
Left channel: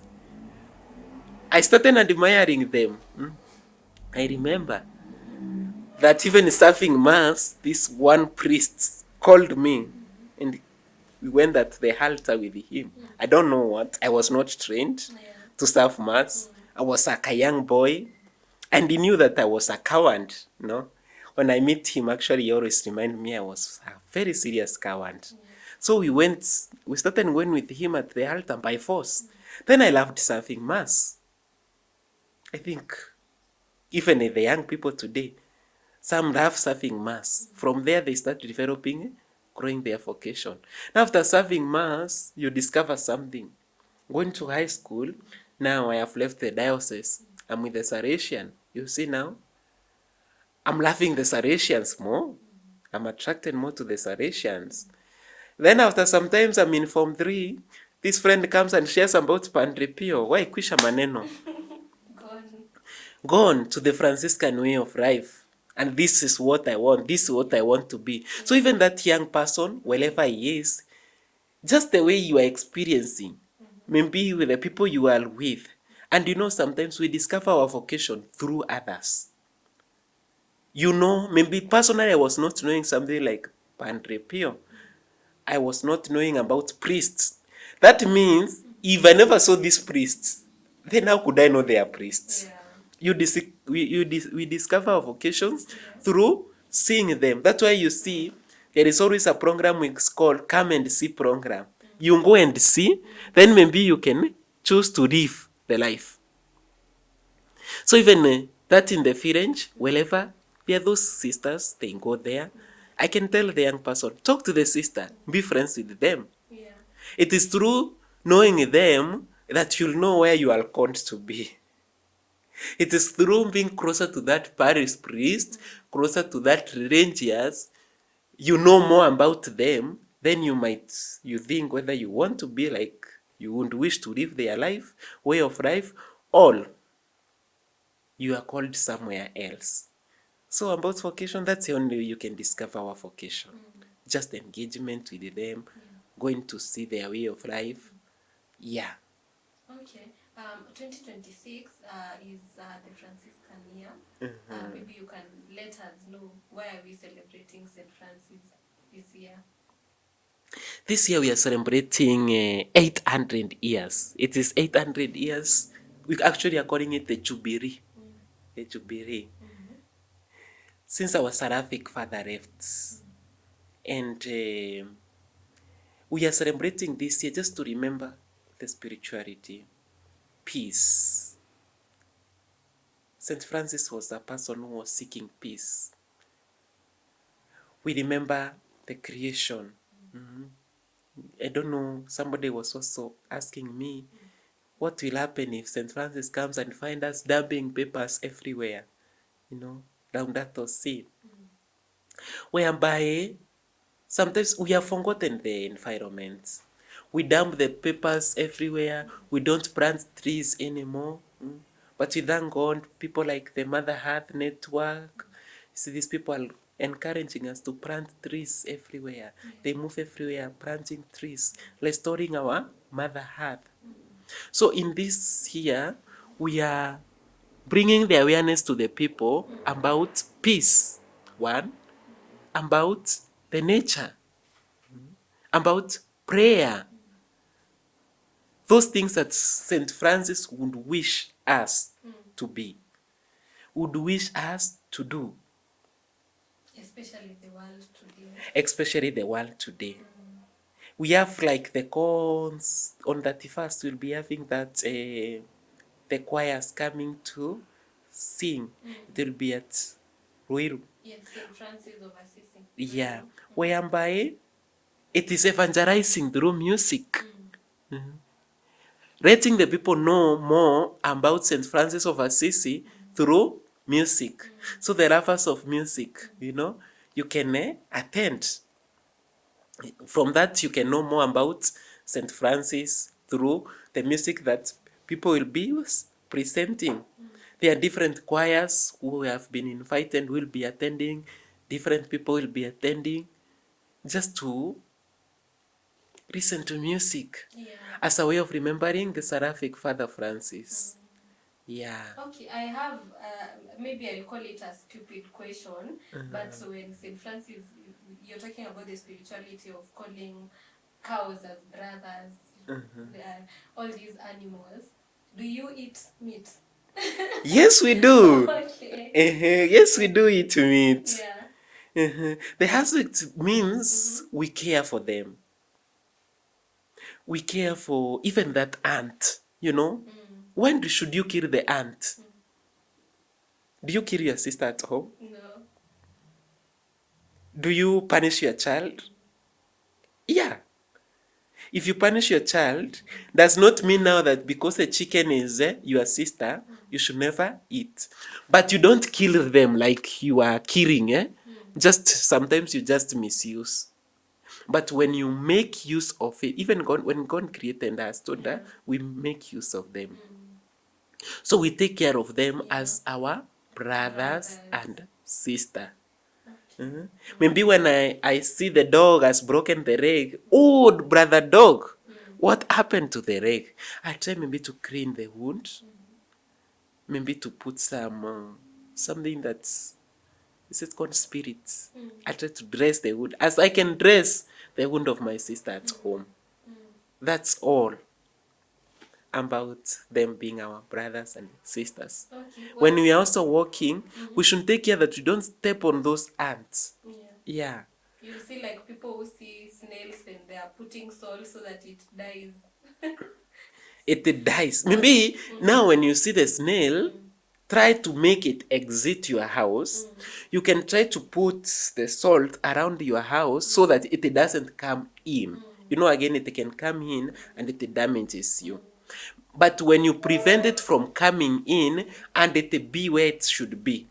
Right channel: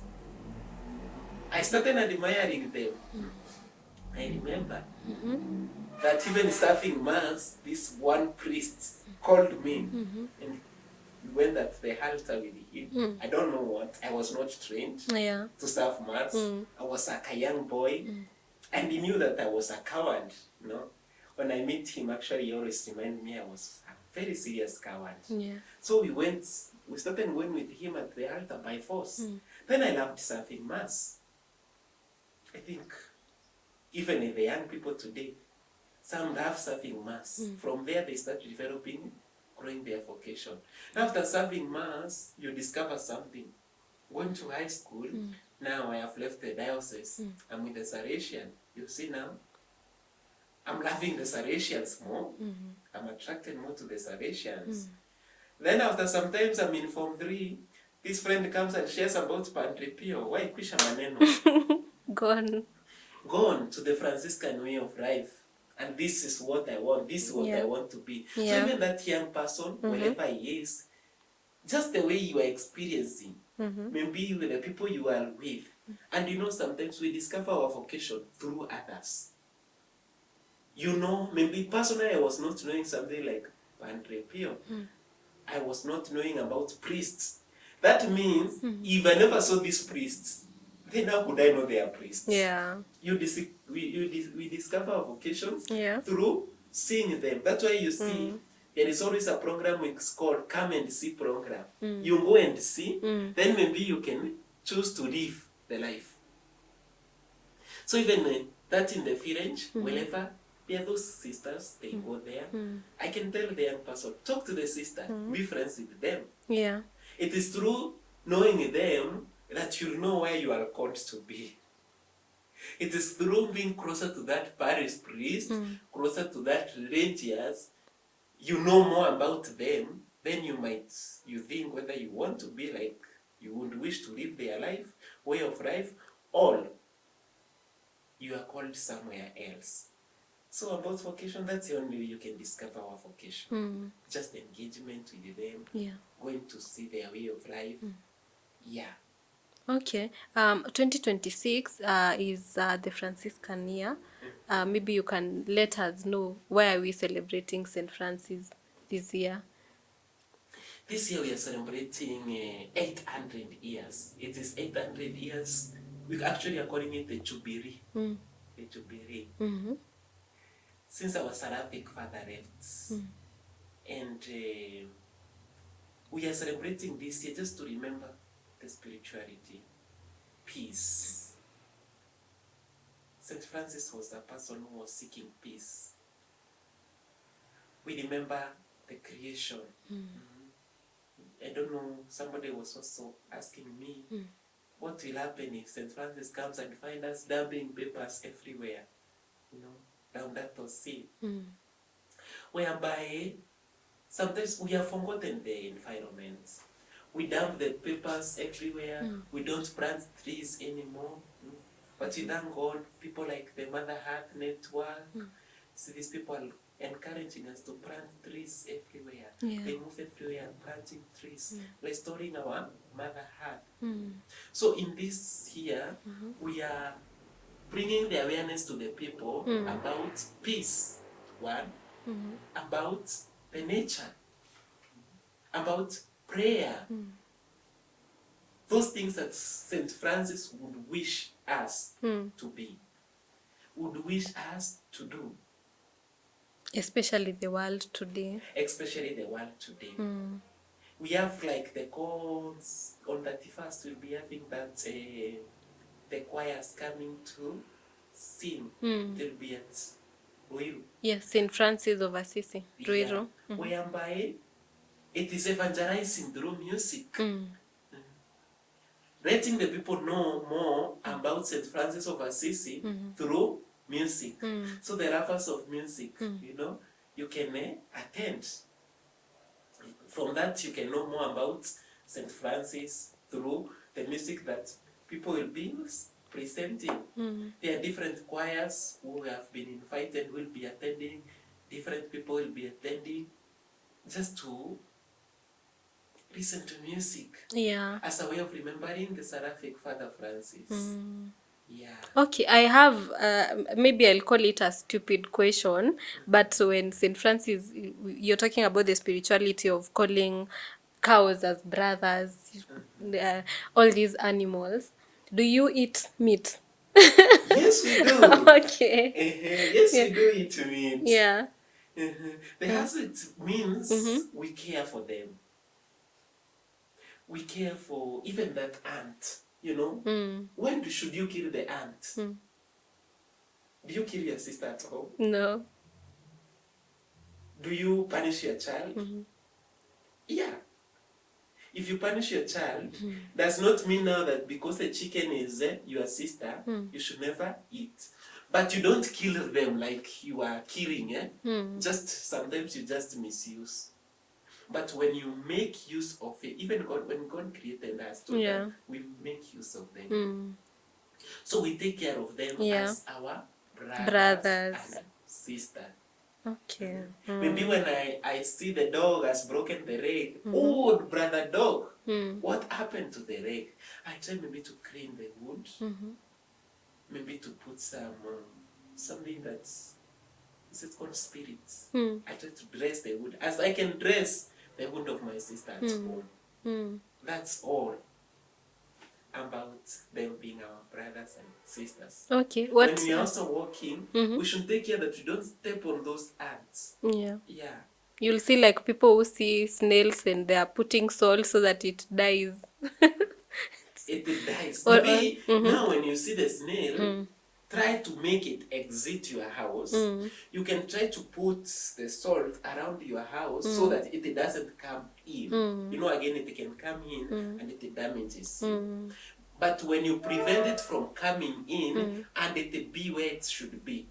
I started admiring them. I remember that even serving Mass, this one priest called me and we went at the altar with him. I don't know what. I was not trained to serve Mass. I was like a young boy. And he knew that I was a coward, When I meet him, actually, he always reminded me I was a very serious coward. So we started going with him at the altar by force. Then I loved serving Mass. I think even the young people today, some love serving Mass. From there, they start developing, growing their vocation. Now, after serving Mass, you discover something. Going to high school, now I have left the diocese. I'm with the Salesian. You see now, I'm loving the Salesians more. I'm attracted more to the Salesians. Then after sometimes I'm in Form 3, this friend comes and shares about Padre Pio. Why kwisha maneno? Gone to the Franciscan way of life. And this is what I want. This is what I want to be. So even that young person, wherever he is, just the way you are experiencing, maybe with the people you are with. And sometimes we discover our vocation through others. Maybe personally I was not knowing something like Padre Pio. I was not knowing about priests. That means if I never saw these priests, then how could I know they are priests? Yeah. We discover our vocations through seeing them. That's why you see there is always a program it's called Come and See program. You go and see, then maybe you can choose to live the life. So even that in the village, wherever there are those sisters, they go there. I can tell the young person, talk to the sister, be friends with them. Yeah. It is through knowing them that you'll know where you are called to be. It is through being closer to that parish priest, closer to that religious, you know more about them, then you think whether you want to be like, you would wish to live their life, way of life, or you are called somewhere else. So about vocation, that's the only way you can discover our vocation. Just engagement with them, going to see their way of life. Yeah. Okay. 2026 is the Franciscan year. Maybe you can let us know why are we celebrating Saint Francis this year? This year we are celebrating 800 years. It is 800 years. We actually are calling it the Jubilee. The Jubilee. Since our seraphic father left. And we are celebrating this year just to remember the spirituality, peace. Saint Francis was a person who was seeking peace. We remember the creation. I don't know, somebody was also asking me, what will happen if Saint Francis comes and finds us dumping papers everywhere, down that sea, whereby sometimes we have forgotten the environment. We dump the papers everywhere. We don't plant trees anymore. But we thank God, people like the Mother Earth Network, see, these people are encouraging us to plant trees everywhere. They move everywhere, planting trees, restoring our Mother Earth. So in this year, we are bringing the awareness to the people about peace, one, about the nature, about prayer. Those things that Saint Francis would wish us to be, would wish us to do. Especially the world today. Especially the world today. We have like the cons on 31st, we'll be having that the choirs coming to sing. They'll be at Ruiru. Yes, Saint Francis of Assisi. Ruiru. Yeah. Whereby it is evangelizing through music. Letting the people know more about Saint Francis of Assisi through music. So the lovers of music, you can attend. From that, you can know more about Saint Francis through the music that people will be presenting. There are different choirs who have been invited, will be attending. Different people will be attending just to listen to music. Yeah. As a way of remembering the seraphic Father Francis. Yeah. Okay, I have, maybe I'll call it a stupid question, but when St. Francis, you're talking about the spirituality of calling cows as brothers, all these animals. Do you eat meat? Yes, we do. Okay. Yes, we do eat meat. Yeah. The aspect means we care for them. We care for even that ant, When should you kill the ant? Do you kill your sister at home? No. Do you punish your child? Yeah. If you punish your child, does not mean now that because the chicken is your sister, you should never eat. But you don't kill them like you are killing. Just sometimes you just misuse. But when you make use of it, even God, when God created us, that we make use of them. So we take care of them as our brothers and sister. Okay. Maybe when I see the dog has broken the leg, oh, brother dog, what happened to the leg? I try maybe to clean the wound, maybe to put something that's, is it called spirits? I try to dress the wound as I can dress the wound of my sister at home. That's all about them being our brothers and sisters. Okay. When we are also walking, we should take care that we don't step on those ants. Yeah. Yeah. You'll see like people who see snails and they are putting salt so that it dies. It dies. Maybe now when you see the snail, try to make it exit your house. You can try to put the salt around your house so that it doesn't come in. Again, it can come in and it damages you. But when you prevent it from coming in and it be where it should be,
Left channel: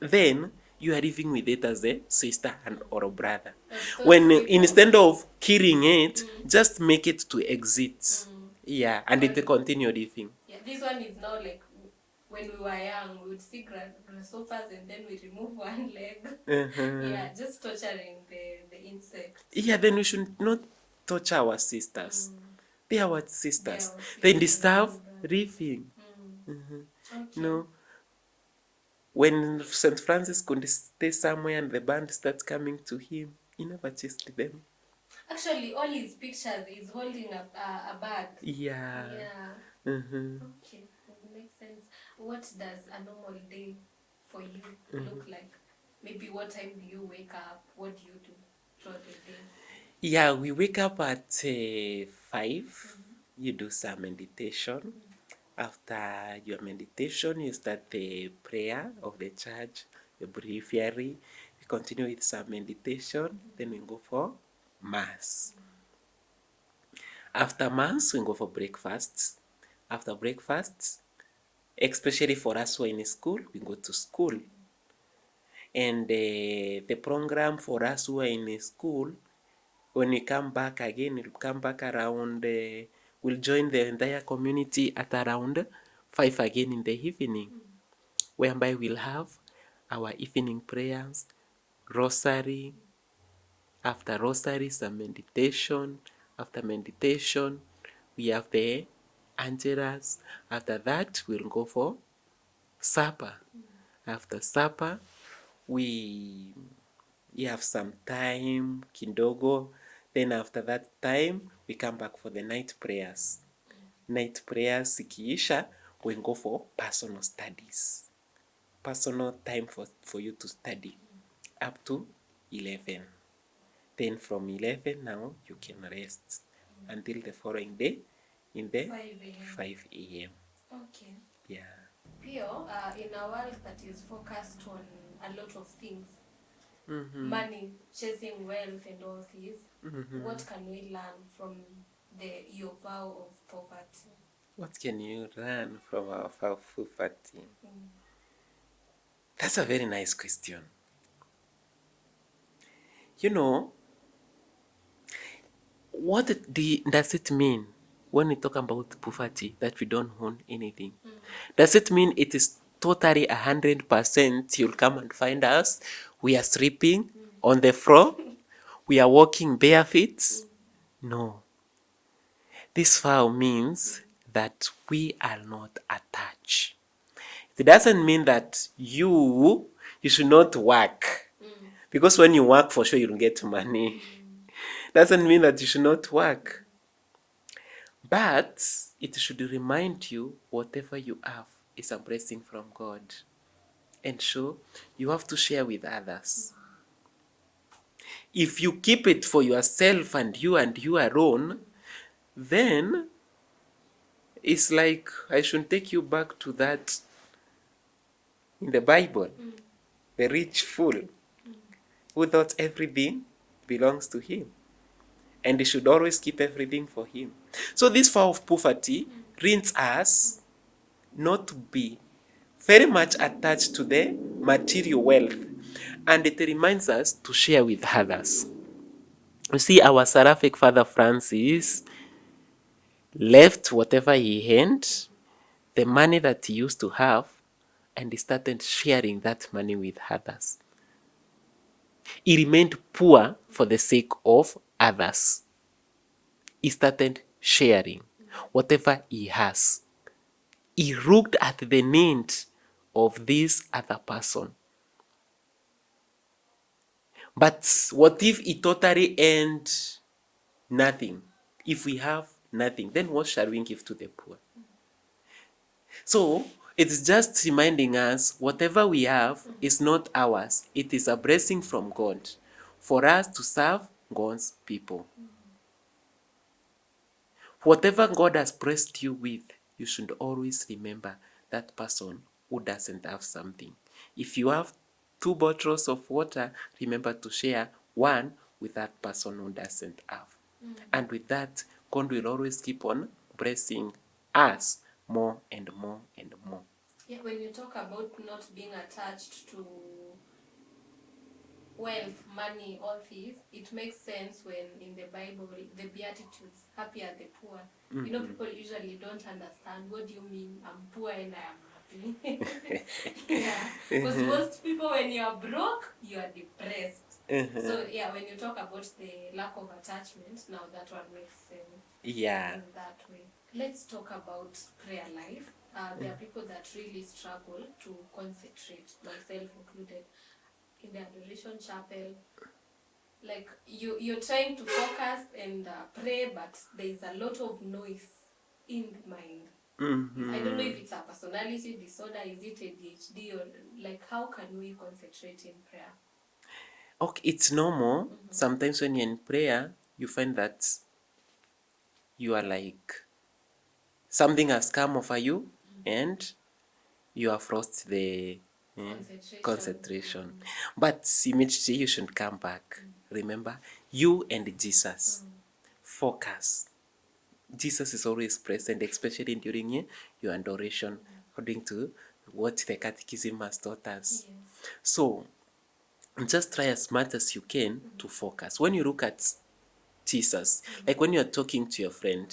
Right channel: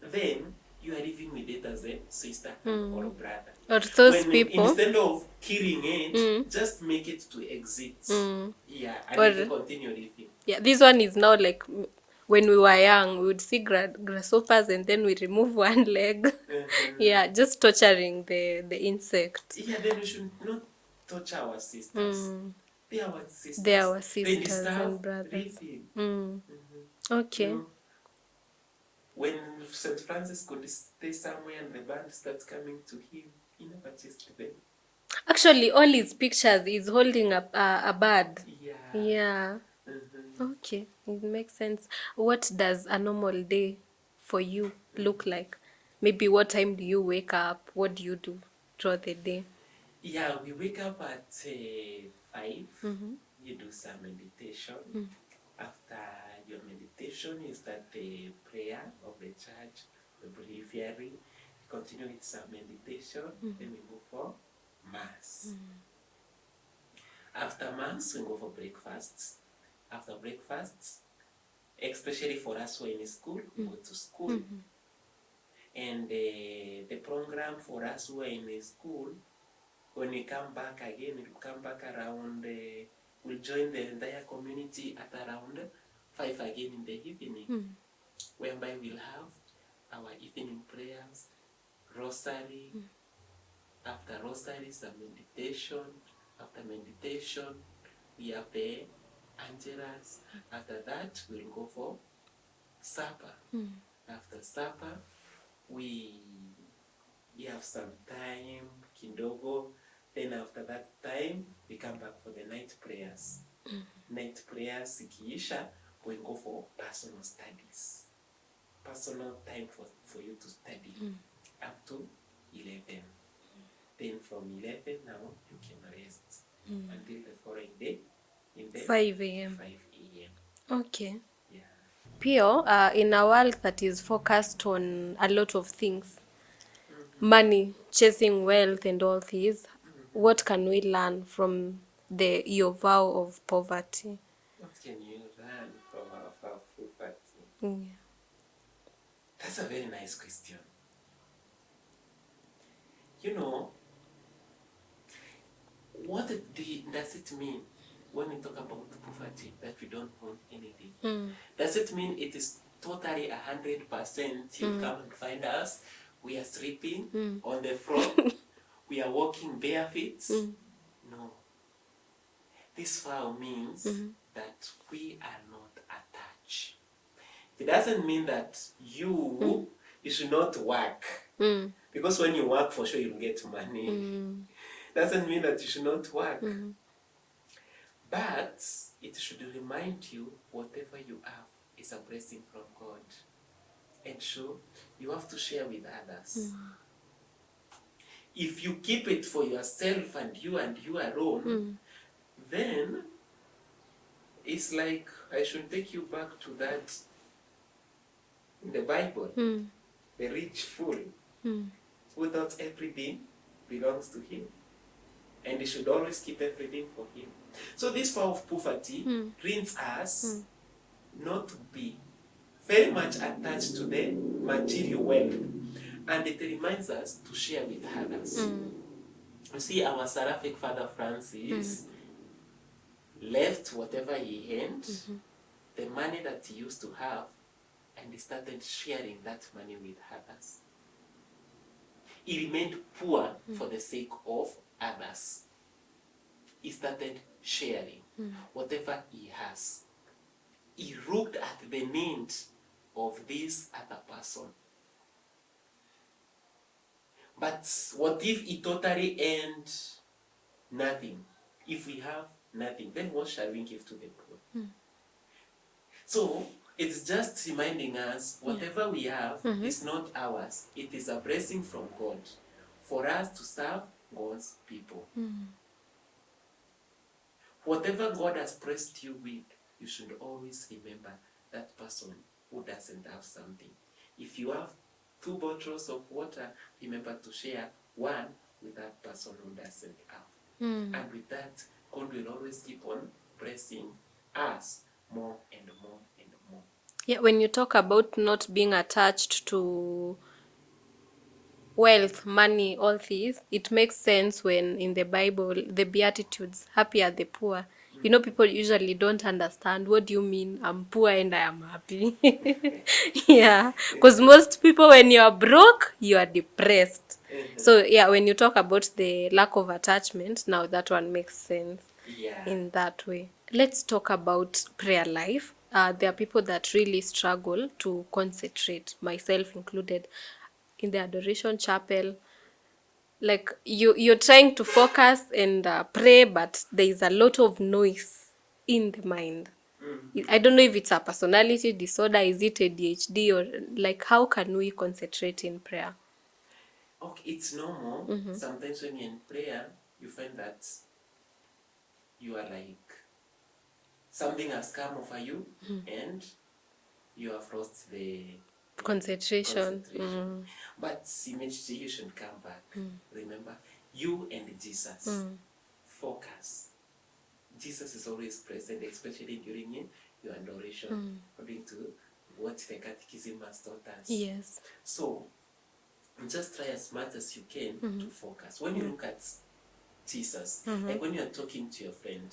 then you are living with it as a sister or a brother. When instead of killing it, just make it to exit. Yeah, and it continue living. Yeah, this one is now like when we were young, we would see grasshoppers and then we remove one leg. Yeah, just torturing the insect. Yeah, then we should not torture our sisters. They are our sisters. They are our sisters. They deserve living. Okay. When Saint Francis could stay somewhere and the band starts coming to him, he never chased them. Actually, all his pictures is holding a bird. Yeah. Yeah. Mm-hmm. Okay, it makes sense. What does a normal day for you look like? Maybe what time do you wake up? What do you do throughout the day? Yeah, we wake up at 5. You do some meditation. After your meditation, you start the prayer of the church, the breviary. We continue with some meditation. Then we go for mass. After mass, we go for breakfast. After breakfast, especially for us who are in school, we go to school. And the program for us who are in school, when we come back again, we'll come back around, we'll join the entire community at around 5 again in the evening, whereby we'll have our evening prayers, rosary. After rosary, some meditation. After meditation, we have the angelas. After that, we'll go for supper. After supper, we have some time kidogo. Then after that time, we come back for the night prayers. Night prayers ikiisha, we go for personal studies. Personal time for you to study up to 11. Then from 11 now, you can rest until the following day in the 5 a.m. 5 a.m. Okay. Yeah. Pio, in a world that is focused on a lot of things, money, chasing wealth, and all these, what can we learn from your vow of poverty? What can you learn from our poverty? Mm. That's a very nice question. You know, what does it mean when we talk about poverty that we don't own anything? Does it mean it is totally 100%? You'll come and find us. We are sleeping on the floor. We are walking bare feet. No. This vow means that we are not attached. It doesn't mean that you should not work. Because when you work, for sure you'll get money. Doesn't mean that you should not work. But it should remind you whatever you have is a blessing from God. And so you have to share with others. If you keep it for yourself and you alone, then it's like I should take you back to that in the Bible. The rich fool who thought everything belongs to him. And he should always keep everything for him. So this vow of poverty trains us not to be very much attached to the material wealth. And it reminds us to share with others. You see, our seraphic Father Francis left whatever he earned, the money that he used to have, and he started sharing that money with others. He remained poor for the sake of others. He started sharing whatever he has. He looked at the need of this other person. But what if he totally earned nothing? If we have nothing, then what shall we give to the poor? So it's just reminding us whatever we have is not ours. It is a blessing from God for us to serve God's people. Whatever God has blessed you with, you should always remember that person who doesn't have something. If you have 2 bottles of water, remember to share one with that person who doesn't have. And with that, God will always keep on blessing us more and more and more. Yeah, when you talk about not being attached to wealth, money, all these, it makes sense when in the Bible, the Beatitudes, happy are the poor. You know, people usually don't understand, what do you mean, I'm poor and I am happy? Yeah, because most people, when you are broke, you are depressed. So, yeah, when you talk about the lack of attachment, now that one makes sense in that way. Let's talk about prayer life. There are people that really struggle to concentrate, myself included. In the adoration chapel, like you're trying to focus and pray, but there is a lot of noise in the mind. I don't know if it's a personality disorder, is it ADHD, or like how can we concentrate in prayer? Okay, it's normal. Sometimes when you're in prayer, you find that you are like something has come over you and you have lost the concentration. But immediately you should come back. Remember, you and Jesus. Focus. Jesus is always present, especially during your adoration, according to what the Catechism has taught us. Yes. So just try as much as you can to focus. When you look at Jesus, like when you are talking to your friend,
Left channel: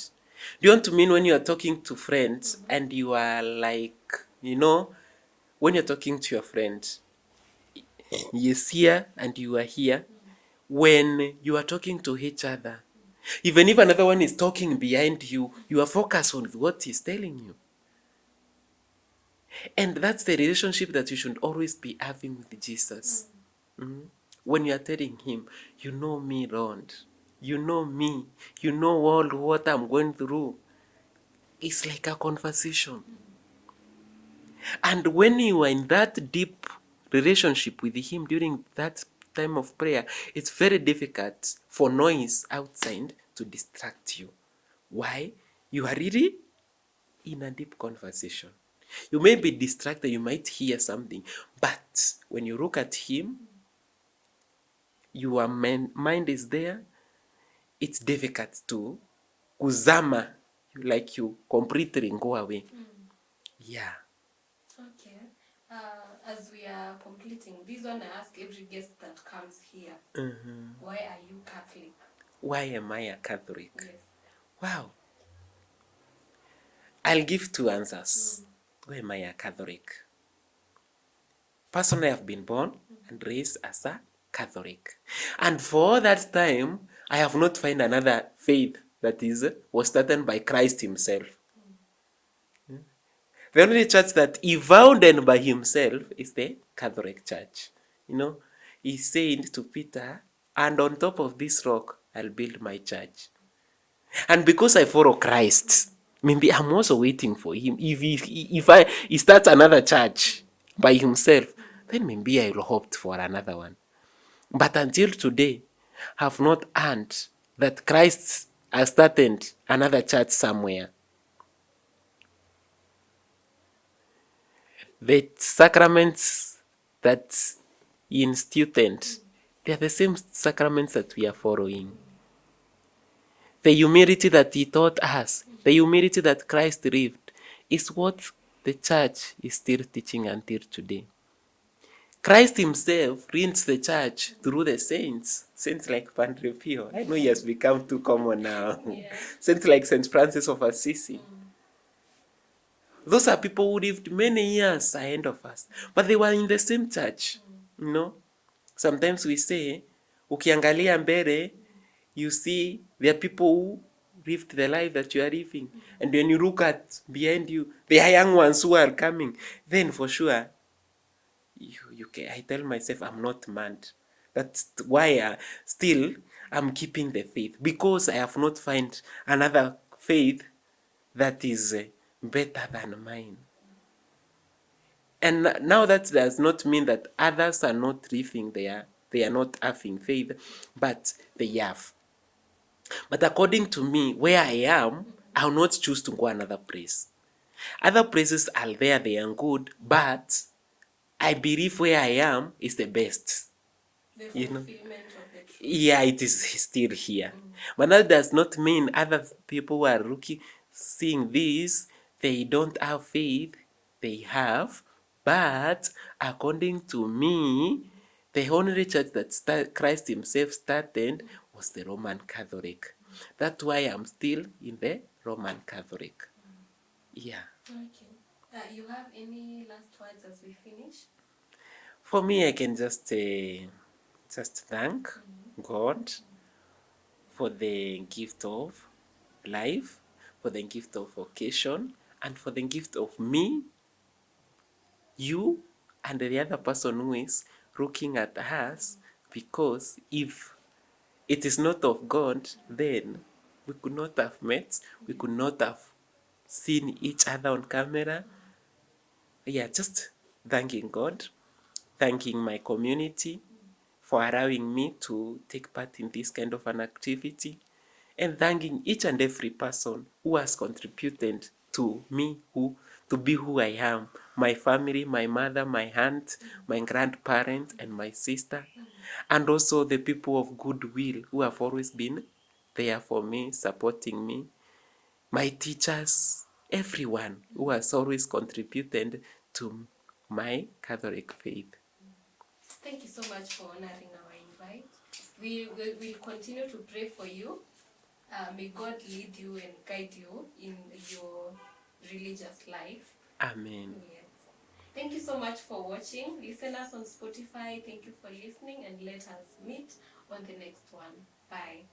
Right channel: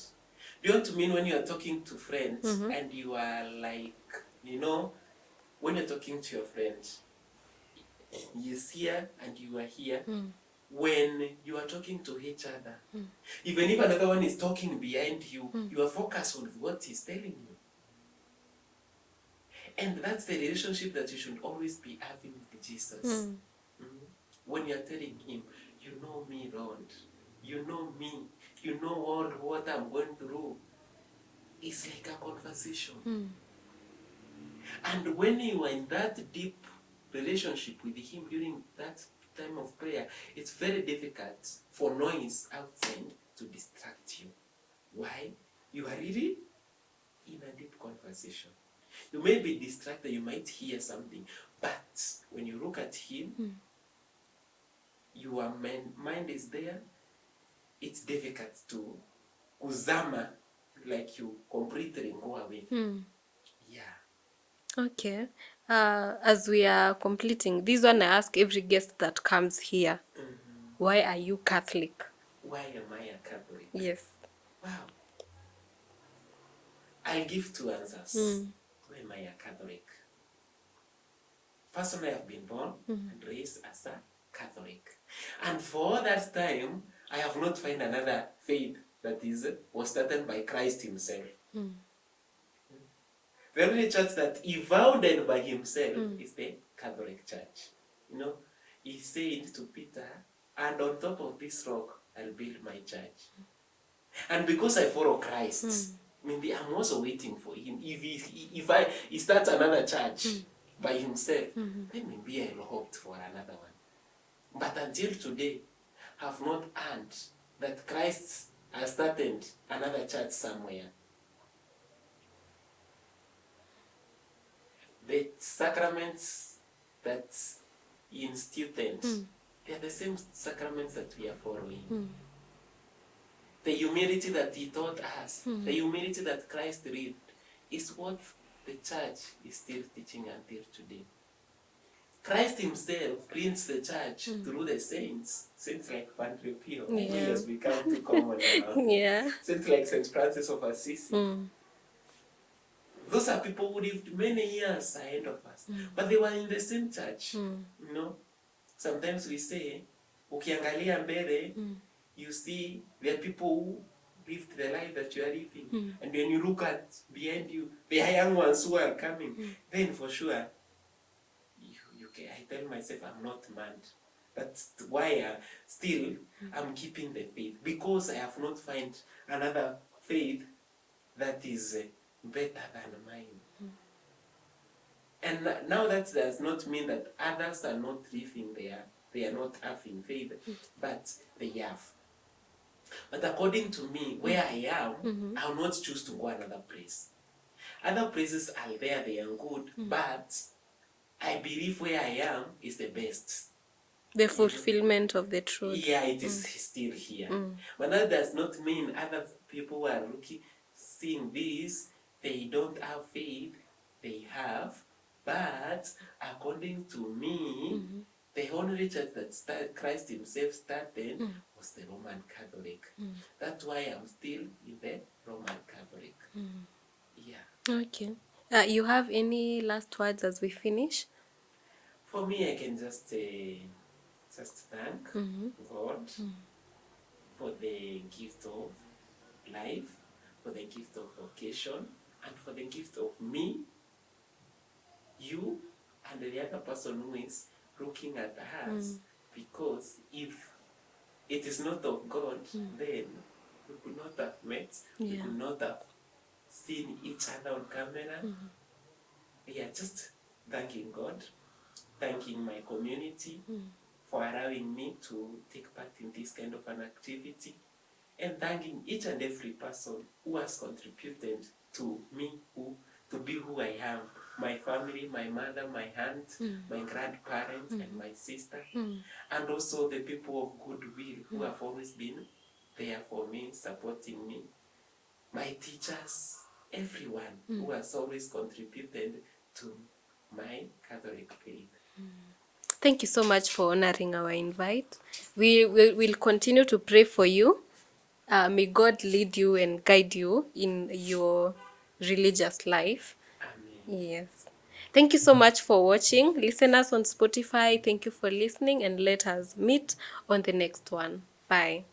do you want to mean when you are talking to friends and you are like, when you're talking to your friend, he is here and you are here. When you are talking to each other, even if another one is talking behind you, you are focused on what he's telling you. And that's the relationship that you should always be having with Jesus. When you are telling him, you know me, Lord, you know me, you know all what I'm going through. It's like a conversation. And when you are in that deep relationship with him during that time of prayer, it's very difficult for noise outside to distract you. Why? You are really in a deep conversation. You may be distracted, you might hear something, but when you look at him, your mind is there. It's difficult to kuzama, like you completely go away. Yeah. Okay. As we are completing this one, I ask every guest that comes here, why are you Catholic? Why am I a Catholic? Yes. Wow. I'll give two answers. Why am I a Catholic? Personally, I've been born and raised as a Catholic. And for all that time, I have not found another faith that was started by Christ himself. The only church that he founded by himself is the Catholic Church. He said to Peter, and on top of this rock, I'll build my church. And because I follow Christ, maybe I'm also waiting for him. If he starts another church by himself, then maybe I'll hope for another one. But until today, have not heard that Christ has started another church somewhere. The sacraments that he instituted, they are the same sacraments that we are following. The humility that he taught us, the humility that Christ lived, is what the church is still teaching until today. Christ himself leads the church through the saints like Padre Pio. I know he has become too common now. Saints like Saint Francis of Assisi. Those are people who lived many years ahead of us, but they were in the same church. Sometimes we say, ukiangalia mbele, you see there are people who lived the life that you are living. And when you look at behind you, the young ones who are coming, then for sure, I tell myself I'm not mad. That's why still I'm keeping the faith, because I have not found another faith that is better than mine. And now that does not mean that others are not living there, they are not having faith, but they have. But according to me, where I am, I will not choose to go another place. Other places are there, they are good, but I believe where I am is the best. The fulfillment of the truth. Yeah, it is still here. But that does not mean other people who are seeing this, they don't have faith. They have. But according to me, the only church that Christ himself started was the Roman Catholic. That's why I'm still in the Roman Catholic. Yeah. Okay. You have any last words as we finish? For me, I can just thank God for the gift of life, for the gift of vocation, and for the gift of me, you, and the other person who is looking at us. Because if it is not of God, then we could not have met, we could not have seen each other on camera. Yeah, just thanking God, thanking my community for allowing me to take part in this kind of an activity, and thanking each and every person who has contributed to me to be who I am. My family, my mother, my aunt, my grandparents, and my sister, and also the people of goodwill who have always been there for me, supporting me, my teachers, everyone who has always contributed to my Catholic faith. Thank you so much for honoring our invite. We will continue to pray for you. May God lead you and guide you in your religious life. Amen. Yes. Thank you so much for watching. Listeners on Spotify, thank you for listening, and let us meet on the next one. Bye.